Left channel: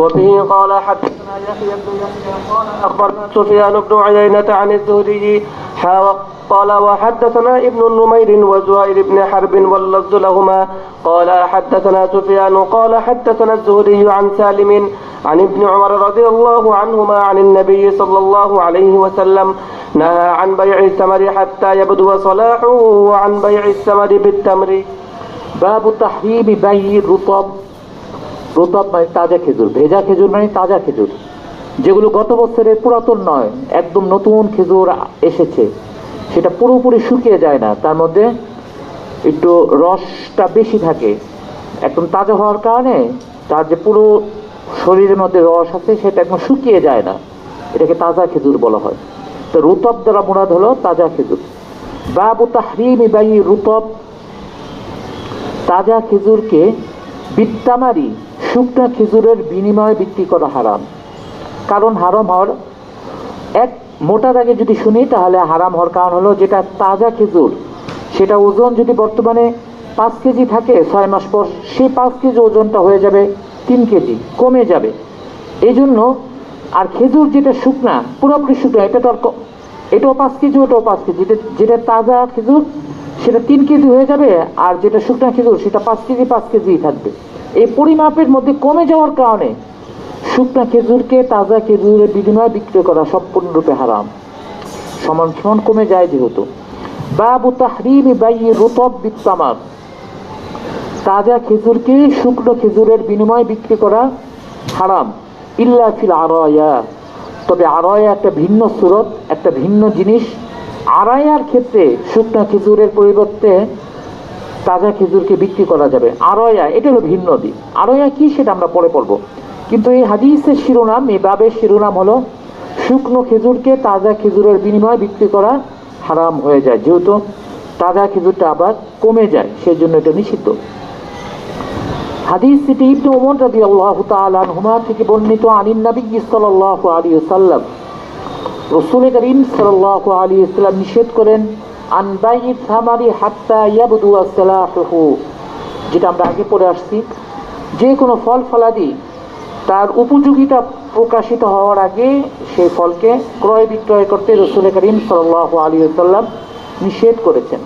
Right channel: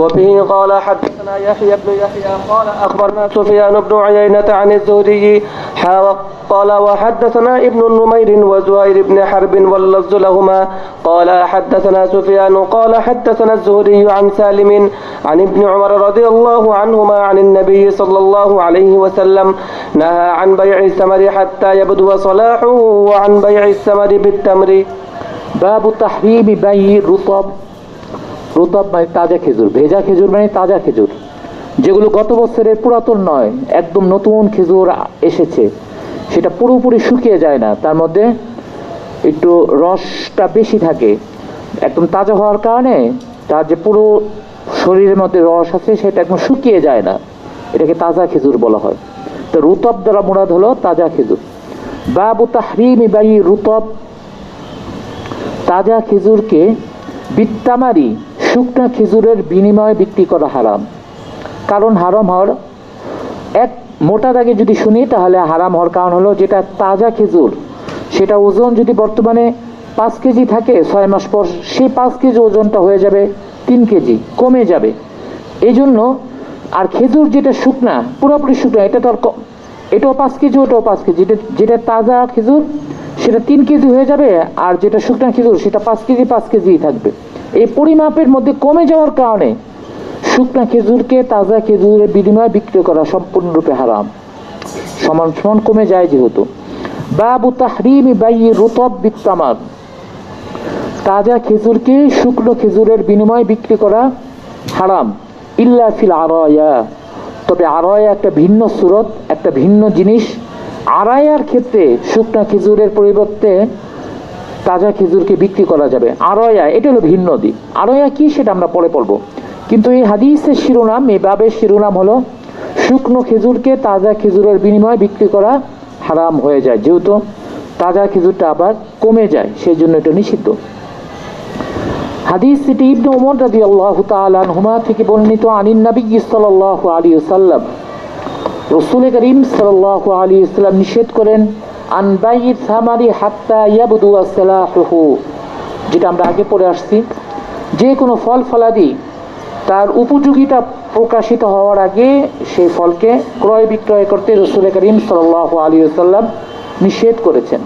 وبه قال حدثنا يحيى بن يحيى قال أخبرنا سفيان بن عيينة عن الزهري قال وحدثنا ابن نمير وزهير بن حرب واللفظ لهما قال حدثنا سفيان قال حدثنا الزهري عن سالم عن ابن عمر رضي الله عنهما عن النبي صلى الله عليه وسلم نهى عن بيع الثمر حتى يبدو صلاحه وعن بيع الثمر بالتمر. باب تحريم بيع الرطب. রুতব মানে তাজা খেজুর, ভেজা খেজুর মানে তাজা খেজুর, যেগুলো গত বছরের পুরাতন নয়, একদম নতুন খেজুর এসেছে, সেটা পুরোপুরি শুকিয়ে যায় না, তার মধ্যে একটু রসটা বেশি থাকে, একদম তাজা হওয়ার কারণে তার যে পুরো শরীরের মধ্যে রস আছে সেটা একদম শুকিয়ে যায় না, এটাকে তাজা খেজুর বলা হয়। তো রুতব দ্বারা মুরাদ হলো তাজা খেজুর। বাবু তাহরিমি বাই রুতব, তাজা খেজুরকে বিত্তামারি শুকনা খেজুরের বিনিময়ে বিক্রি করা হারাম। কারণ হারাম হওয়ার এক মোটা দাগে যদি শুনি তাহলে হারাম হওয়ার কারণ হলো, যেটা তাজা খেজুর সেটা ওজন যদি বর্তমানে 5 কেজি থাকে, 6 মাস পর সেই 5 কেজি ওজনটা হয়ে যাবে 3 কেজি, কমে যাবে। এই জন্য আর খেজুর যেটা শুকনা, পুরোপুরি শুকনা, এটা তো আর এটাও 5 কেজি ওটাও 5 কেজি, যেটা তাজা খেজুর সেটা 3 কেজি হয়ে যাবে, আর যেটা শুকনা খেজুর সেটা 5 কেজি 5 কেজি থাকবে। এই পরিমাপের মধ্যে কমে যাওয়ার কারণে শুকনা খেজুরকে তাজা খেজুরের বিনিময়ে বিক্রি করা সম্পূর্ণরূপে হারাম, সমান সমান কমে যায় যেহেতু। বাবু তাহরিমি বাই রুতব বিত্তামার, তাজা খেজুরকে শুকনো খেজুরের বিনিময়ে বিক্রি করা হারাম। ইল্লা ফিল আরায়া, তবে আরায়া একটা ভিন্ন সুরত, একটা ভিন্ন জিনিস। আরায়ার ক্ষেত্রে শুকনা খেজুরের পরিবর্তে তাজা খেজুরকে বিক্রি করা যাবে। আরায়া এটা হলো ভিন্ন দিক। আরায়া কি সেটা আমরা পরে পড়বো, কিন্তু এই হাদিসের শিরোনাম, এই বাবের শিরোনাম হলো শুকনো খেজুরকে তাজা খেজুরের বিনিময়ে বিক্রি করা হারাম হয়ে যায়, যেহেতু তাজা খেজুরটা আবার কমে যায়, সেই জন্য এটা নিষিদ্ধ। হাদিসটি ইবনে উমর রাদিয়াল্লাহু তাআলা আনহুমা থেকে বর্ণিত। আনিন নবী সাল্লাল্লাহু আলাইহি ওয়াসাল্লাম, রাসূল করিম সাল্লাল্লাহু আলাইহি ওয়াসাল্লাম নিষেধ করেন আন বাইই সামারি হাত্তা ইয়াবদু সালাহুহু, যেটা আমরা আগে পড়ে আসছি, যে কোনো ফল ফলাদি তার উপযোগিতা প্রকাশিত হওয়ার আগে সেই ফলকে ক্রয় বিক্রয় করতে রাসূল করিম সাল্লাল্লাহু আলাইহি ওয়াসাল্লাম নিষেধ করেছেন।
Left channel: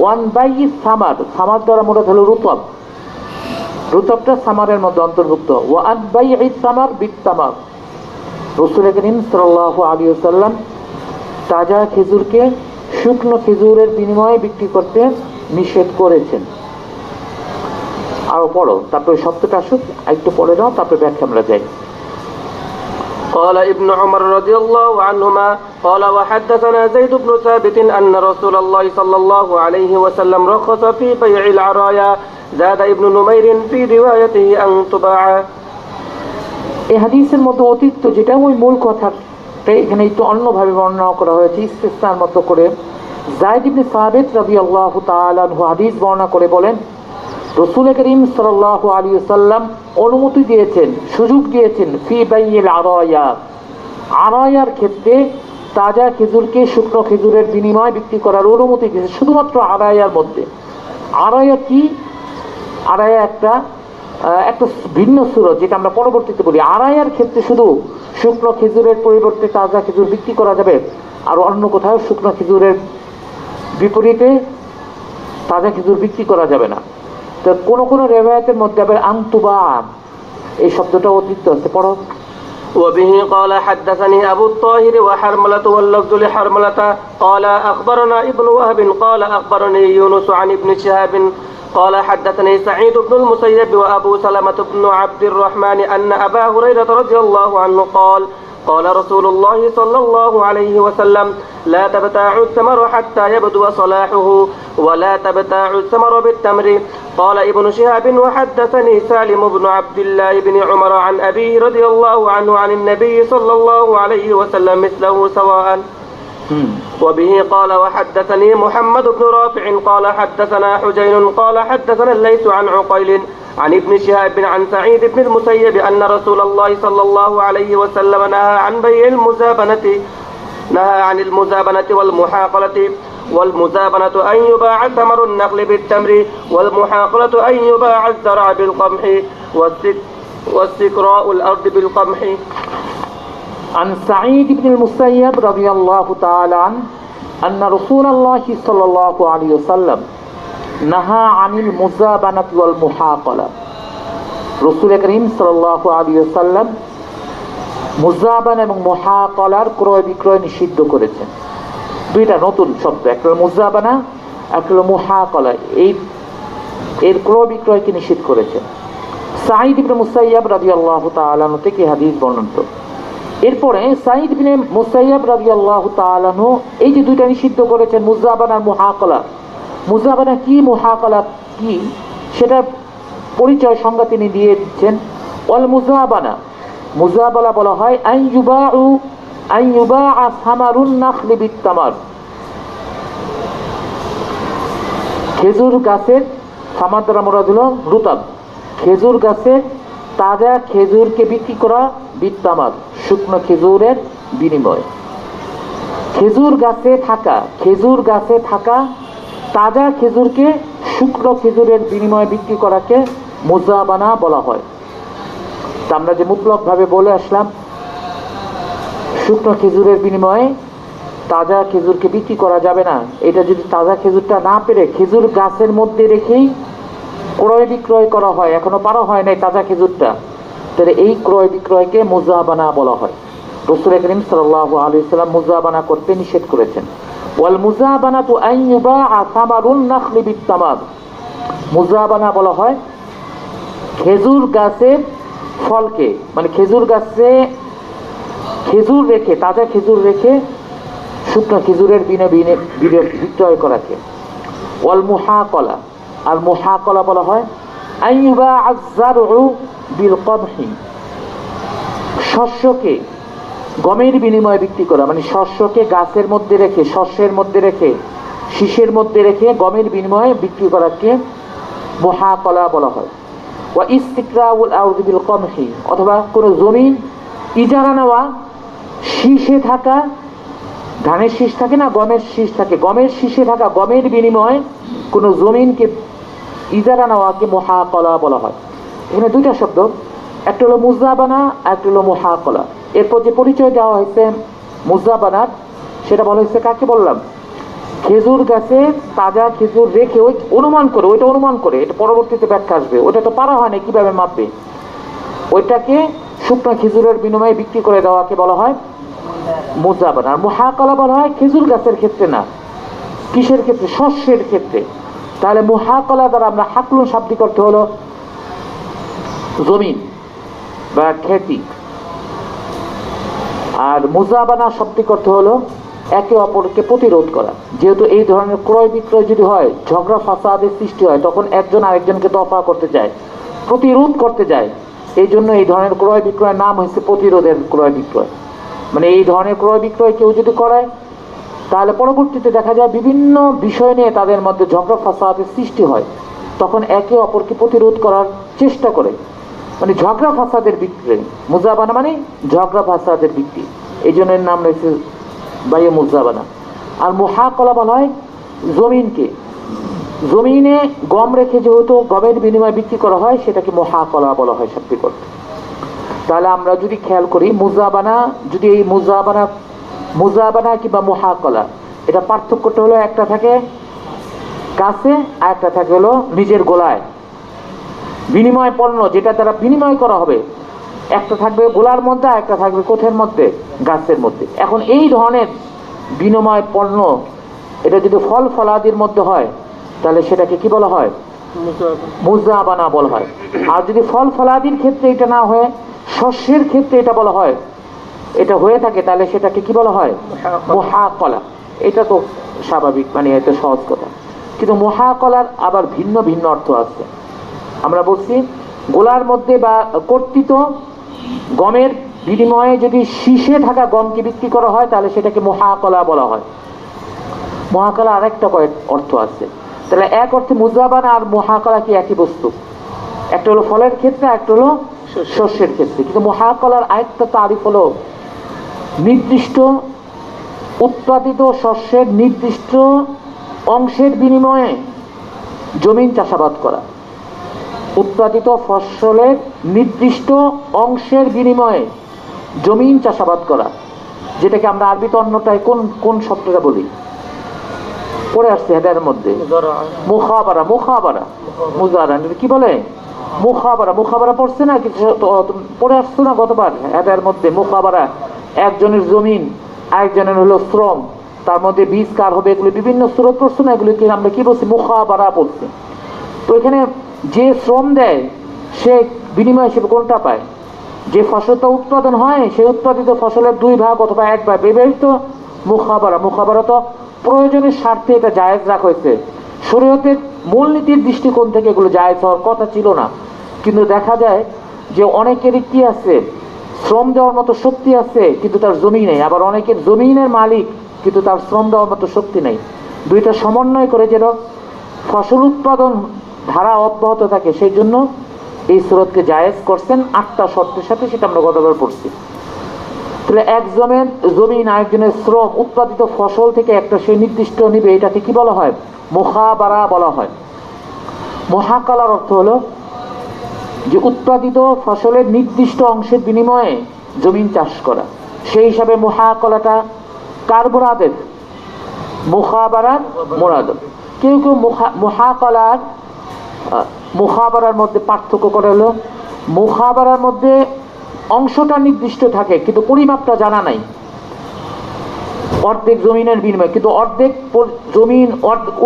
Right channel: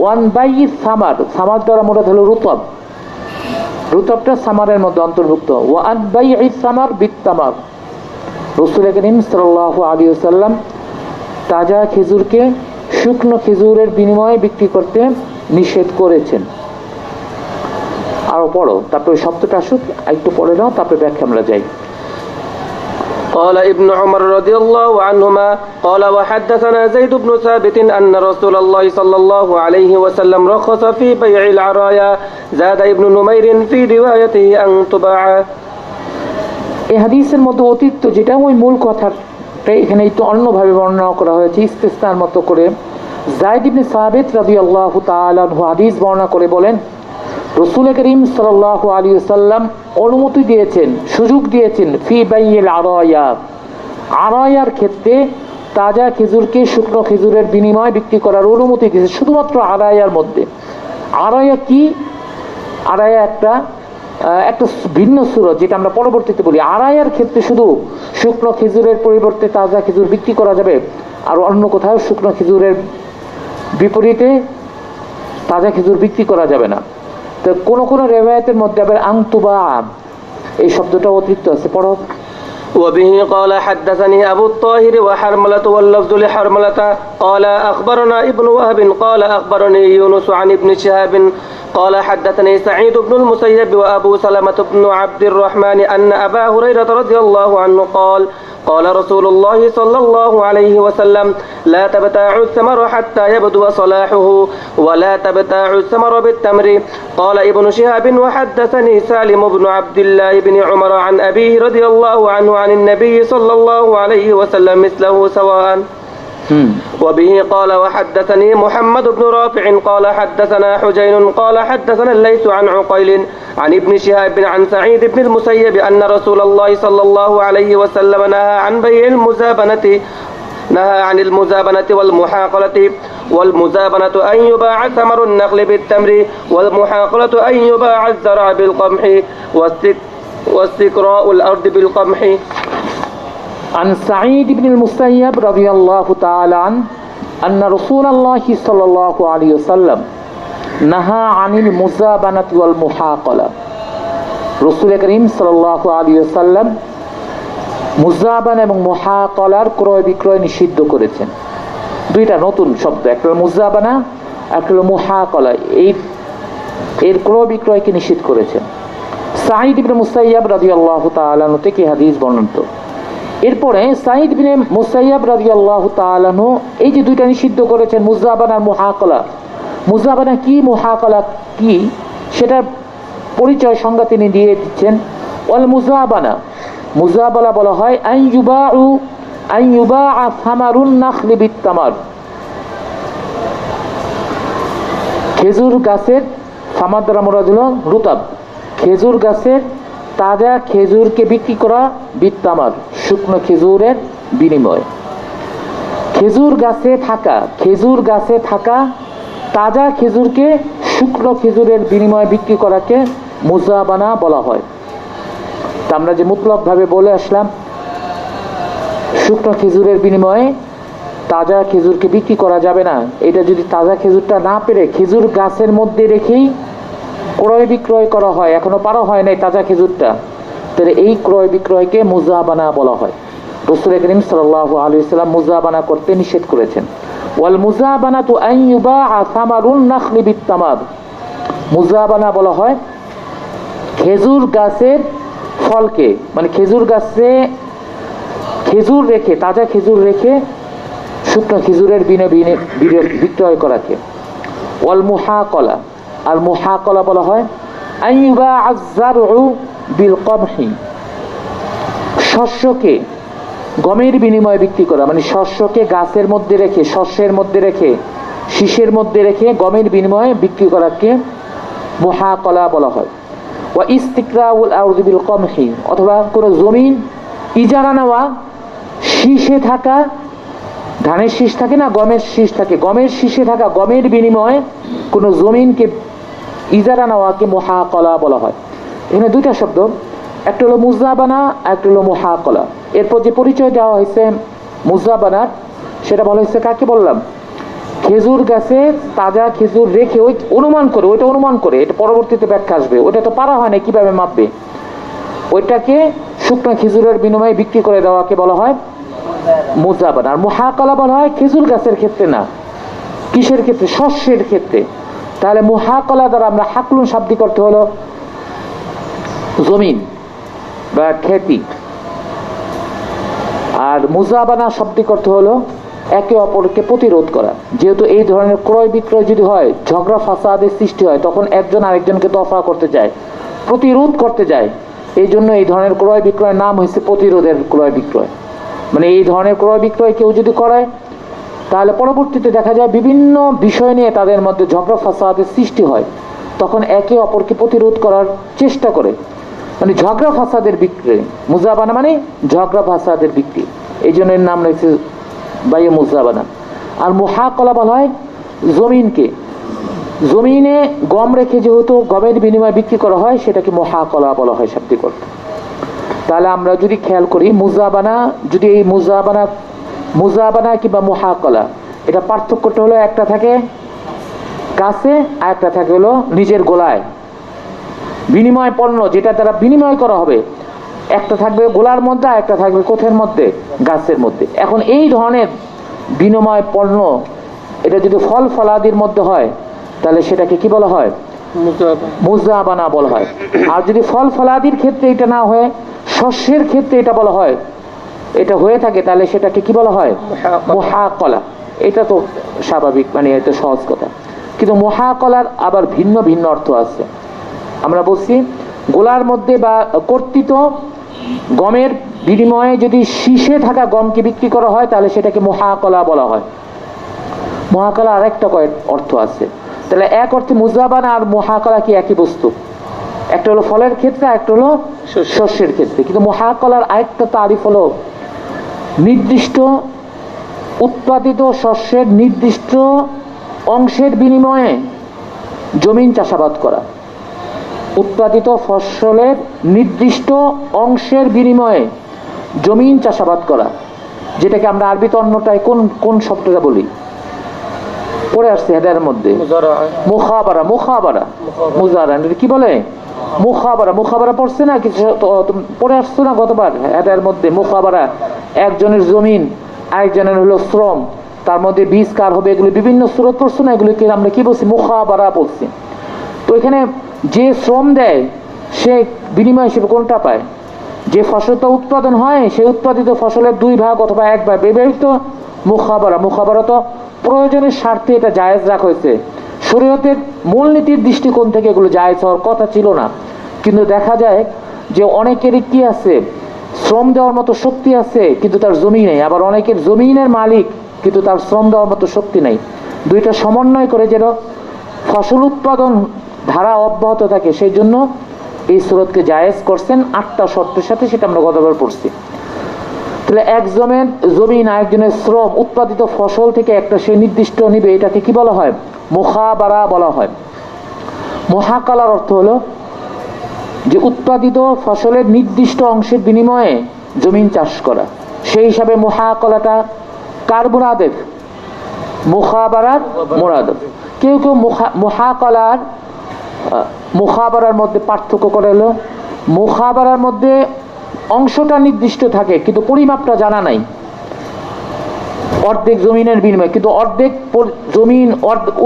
ওয়ান বাইই সামার, সামার দ্বারা মুরাদ হলো রুতব, রুতবটা সামারের মধ্যে অন্তর্ভুক্ত। ওয়ান বাইই সামার বিত্তামার, রাসূল করিম সাল্লাল্লাহু আলাইহি ওয়াসাল্লাম তাজা খেজুরকে শুকনো খেজুরের বিনিময়ে বিক্রি করতে নিষেধ করেছেন। আরো পড়ো, তারপরে শব্দটা আসুক, একটু পড়ে দাও, তারপরে ব্যাখ্যা আমরা যাই। قال ابن عمر رضي الله عنهما قال وحدثنا زيد بن ثابت أن رسول الله صلى الله عليه وسلم رخص في بيع العرايا زاد ابن نمير في روايته أن تباع। এই হাদিসের মধ্যে অতিরিক্ত যেটা ওই মূল কথাটা এখানে একটু অন্যভাবে বর্ণনা করা হয়েছে, ইস্তেসনার মতো করে। যায়েদ ইবনে সাবিত রাদিয়াল্লাহু তাআলা আনহু হাদিস বর্ণনা করে বলেন, রাসূল করিম সাল্লাল্লাহু আলাইহি ওয়াসাল্লাম অনুমতি দিয়েছেন, সুযোগ দিয়েছেন ফি বাইইল আরায়া, আরায়ার ক্ষেত্রে তাজা খেজুরকে শুকনো খেজুরের বিনিময়ে বিক্রি করার অনুমতি দিয়েছেন, শুধুমাত্র আরায়ার মধ্যে। আরায়া কি? আরায়া একটা ভিন্ন সুরত, যেটা আমরা পরবর্তীতে বলি। আরায়ার ক্ষেত্রে শুধু শুকনো খেজুরের পরিবর্তে তাজা খেজুর বিক্রি করা যাবে, আর অন্য কোথাও শুকনো খেজুরের বিপরীতে তাজা খেজুর বিক্রি করা যাবে না। তো কোন কোন রিওয়ায়াতের মধ্যে আবার আনতুবা এই শব্দটা অতিরিক্ত আছে, পড়ো। وبه قال حدثني أبو الطاهر وحرملة واللفظ لحرملة قال أخبرنا ابن وهب قال أخبرني يونس عن ابن شهاب قال حدثني سعيد بن المسيب وأبو سلمة بن عبد الرحمن أن أبا هريرة رضي الله عنه قال قال رسول الله صلى الله عليه وسلم لا تبتاعوا الثمر حتى يبدو صلاحه ولا تبتاعوا الثمر بالتمر. قال ابن شهاب وحدثني سالم بن عبد الله بن عمر عن أبيه رضي الله عنه عن النبي صلى الله عليه وسلم مثله سواء. وبه قال وحدثني محمد بن رافع قال حدثنا حجين قال حدثنا الليث عن عقيل عن ابن شهاب عن سعيد بن المسيب أن رسول الله صلى الله عليه وسلم نهى عن بيع نهى عن المزابنة والمحاقلة. والمزابنة أن يباع ثمر النخل بالتمر والمحاقلة أن يباع الزرع بالقمح واستقراء الأرض بالقمح. عن سعيد بن المسيب رضي الله تعالى عنه أن رسول الله صلى الله عليه وسلم نهى عن المزابنة والمحاقلة. রসুল করিম সাল্লাল্লাহু আলাইহি ওয়াসাল্লাম মুজাবানা এবং মুহাকালার ক্রয় বিক্রয় নিষিদ্ধ করেছেন। দুইটা নতুন শব্দ, একটা হলো মুজাবানা, একটা হলো মুহাকালা। এর ক্রয় বিক্রয়কে নিষিদ্ধ করেছেন। সাঈদ ইবনে মুসাইয়াব রাদিয়াল্লাহু তাআলা আনহু থেকে হাদিস বর্ণিত। এরপরে সাঈদ ইবনে মুসাইয়াব রাদিয়াল্লাহু তাআলা আনহু এই যে দুইটা নিষিদ্ধ করেছেন, মুজাবানা আর মুহাকালা। মুজাবানা কি, মুহাকালা কি, সেটার পরিচয় সংজ্ঞা তিনি দিয়ে দিচ্ছেন। ওয়াল মুজাবানা, মুজাবালা বলা হয় আন ইউবাআ সামারুন নাখলি বিত্তামার। খেজুর গাছের সামার দ্বারা মুরাদ হলো রুতাব, খেজুর গাছের তাজা খেজুরকে বিক্রি করা, বিত্তামার শুকনো খেজুরের বিনিময়ে। খেজুর গাছে থাকা তাজা খেজুরকে শুকনো খেজুরের বিনিময়ে বিক্রি করাকে মুজাবানা বলা হয়। তা আমরা যে মুতলক ভাবে বলে আসলাম, শুকনো খেজুরের বিনিময়ে তাজা খেজুরকে বিক্রি করা যাবে না। এটা যদি তাজা খেজুরটা না পেরে খেজুর গাছের মধ্যে রেখেই ক্রয় বিক্রয় করা হয়, এখনো পারা হয় নাই তাজা খেজুরটা, তাহলে এই ক্রয় বিক্রয়কে মুজাবানা বলা হয়। রাসূল করিম সাল্লাল্লাহু আলাইহি ওয়াসাল্লাম মুজাবানা করতে নিষেধ করেছেন। ওয়াল মুজাবানাতু আন ইউবাআ সামারুন নাখলি বিত্তামার। মুজাবানা বলা হয় খেজুর গাছের ফলকে, মানে খেজুর গাছে খেজুর রেখে, তাজা খেজুর রেখে শুকনো খেজুরের বিক্রয় করাকে। ওয়াল মুহাকালা, আর মুহাকালা বলা হয় আন ইউবাআ আয-যারউ বিল কমহি। শস্যকে গমের বিনিময়ে বিক্রি করা, মানে শস্যকে গাছের মধ্যে রেখে, শস্যের মধ্যে রেখে, শীষের মধ্যে রেখে গমের বিনিময়ে বিক্রি করাকে মুহাকালা বলা হয়। ওয়া ইস্তিকরাউল আরদি বিল কমহি, অথবা কোনো জমি ইজারা নেওয়া, শীষে থাকা, ধানের শীষ থাকে না, গমের শীষ থাকে, গমের শীষে থাকা গমের বিনিময়ে কোনো জমিনকে ইজারা নেওয়াকে মুহাকালা বলা হয়। এখানে দুইটা শব্দ, একটা হলো মুজাবানা, একটা হলো মুহাকালা। এরপর যে পরিচয় দেওয়া হয়েছে মুজাবানার, সেটা বলা হয়েছে কাকে বললাম, খেজুর গাছে তাজা খেজুর রেখে ওই অনুমান করে, এটা পরবর্তীতে ব্যাখ্যা আসবে, ওটা তো পারা হয় না, কিভাবে মাপবে, ওইটাকে শুকনো খেজুরের বিনিময়ে বিক্রি করে দেওয়াকে বলা হয় মুজাবানা। আর মুহাকালা বলা হয় খেজুর গাছের ক্ষেত্রে না, কিসের ক্ষেত্রে, শস্যের ক্ষেত্রে। তাহলে মুহাকালা দ্বারা আমরা হাকলুন শাব্দিক অর্থ হলো জমিন বা খেতি, আর মুজাবানা শাব্দিক অর্থ হলো একে অপরকে প্রতিরোধ করা। যেহেতু এই ধরনের ক্রয় বিক্রয় যদি হয়, ঝগড়া ফাসাদের সৃষ্টি হয়, তখন একজন আরেকজনকে দফা করতে যায়, প্রতিরোধ করতে যায়। এই জন্য এই ধরনের ক্রয় বিক্রয়ের নাম হয়েছে প্রতিরোধের ক্রয় বিক্রয়। মানে এই ধরনের ক্রয় বিক্রয় কেউ যদি করায়, তাহলে পরবর্তীতে দেখা যায় বিভিন্ন বিষয় নিয়ে তাদের মধ্যে ঝগড়া ফাসাদের সৃষ্টি হয়, তখন একে অপরকে প্রতিরোধ করার চেষ্টা করে, মানে ঝগড়া ফাসাদের বিক্রি। মুজাবানা মানে ঝগড়া ফাসাদের বিক্রি, এই জন্য এর নাম রয়েছে বাইয়ে মুজাবানা। আর মুহাকালা বলা হয় জমিনে গম রেখে যেহেতু গমের বিনিময়ে বিক্রি করা হয়, সেটাকে মুহাকালা বলা হয় শাব্দিক অর্থ। তাহলে আমরা যদি খেয়াল করি, মুজাবানা, যদি এই মুজাবানা কিংবা মুহাকালা, এটা পার্থক্যটা হলো একটা থাকে কাছে আর একটা থাকে হলো নিজের গোলায়। বিনিময় পণ্য যেটা দ্বারা বিনিময় করা হবে, একটা থাকবে গোলার মধ্যে, আর একটা থাকবে কোঠের মধ্যে, গাছের মধ্যে। এখন এই ধরনের বিনিময় পণ্য, এটা যদি ফল ফলাদির মধ্যে হয়, তাহলে সেটাকে কি বলা হয়, মুজাবানা বলা হয়। আর যদি ফল ফলাদির ক্ষেত্রে এটা না হয়, শস্যের ক্ষেত্রে এটা বলা হয়, এটা হয়ে থাকে, তাহলে সেটাকে কি বলা হয়, মুহাকালা। এটা তো স্বাভাবিক, মানে এটা সহজ কথা। কিন্তু মুহাকালার আবার ভিন্ন ভিন্ন অর্থ আছে। আমরা বলছি গোলার মধ্যে বা কর্তৃত গমের বিনিময়ে যদি শীষে থাকা গমকে বিক্রি করা হয়, তাহলে সেটাকে মুহাকালা বলা হয়। মুহাকালা আরেকটা কয়েক অর্থ আছে। তাহলে এক অর্থে মুজাবানা আর মুহাকালা কি একই বস্তু? একটা হলো ফলের ক্ষেত্রে, একটা হলো শস্যের ক্ষেত্রে। কিন্তু মুহাকালার আরেকটা তারিফ হলো নির্দিষ্ট উৎপাদিত শস্যের নির্দিষ্ট অংশের বিনিময়ে জমিন চাষাবাদ করা। উৎপাদিত ফসলের নির্দিষ্ট অংশের বিনিময়ে জমিন চাষাবাদ করা, যেটাকে আমরা আরবিতে অন্যটায় কোন কোন শব্দটা বলি, পড়ে আসছে হেডারের মধ্যে, মুখাবারা। মুখাবারা মুজারা কি বলে? মুখাবারা। মুখাবারা পড়ছে না কিছু, পড়ে আসছে না গতবার হেডারের মধ্যে? মুখাবারা, একজনের জমিন আরেকজনের হলো শ্রম, তার মধ্যে বীজ কার হবে, এগুলো বিভিন্ন সুরত পড়ছে না, এগুলোকে আমরা কি বলছি? মুখাবারা বলছি। তো এখানে যে শ্রম দেয় সে বিনিময় হিসেবে কোনটা পায়? যে ফসলটা উৎপাদন হয় সেই উৎপাদিত ফসলের 2 ভাগ অথবা 1 ভাগ ব্যবহৃত মুখাবারা। মুখাবারা তো প্রয়োজনের স্বার্থে এটা জায়েজ রাখা হয়েছে। শরীয়তের মূলনীতির দৃষ্টিকোণ থেকে এগুলো জায়েজ হওয়ার কথা ছিল না, কিন্তু দেখা যায় যে অনেকেরই কি আছে, শ্রম দেওয়ার মতো শক্তি আছে কিন্তু তার জমি নেই, আবার অনেকের জমিনের মালিক কিন্তু তার শ্রম দেওয়ার মতো শক্তি নেই। দুইটা সমন্বয় করে যেন ফসল উৎপাদন ধারা অব্যাহত থাকে, সেই জন্য এই সুরতকে জায়েজ করছেন 8টা শর্তের সাথে, সেটা আমরা গতকাল পড়ছি। তাহলে একজনের জমিন আরেকজনের শ্রম, উৎপাদিত ফসল থেকে একটা সে নির্দিষ্ট নিবে, এটাকে কি বলা হয়? মুখাবারা বলা হয়। মুহাকালার অর্থ হলো যে উৎপাদিত ফসলের নির্দিষ্ট অংশের বিনিময়ে জমিন চাষ করা। সেই হিসাবে মুহাকালাটা কার মুরাদেফ? মুখাবারার মুরাদেফ। কেউ কেউ মুহাকালার মুখাবারার মধ্যে পার্থক্য করে হলো, মুখাবারার মধ্যে অংশটা নির্দিষ্ট থাকে কিন্তু পরিমাপটা জানা নাই। অর্ধেক জমিনের বিনিময়ে, কিন্তু অর্ধেক জমিন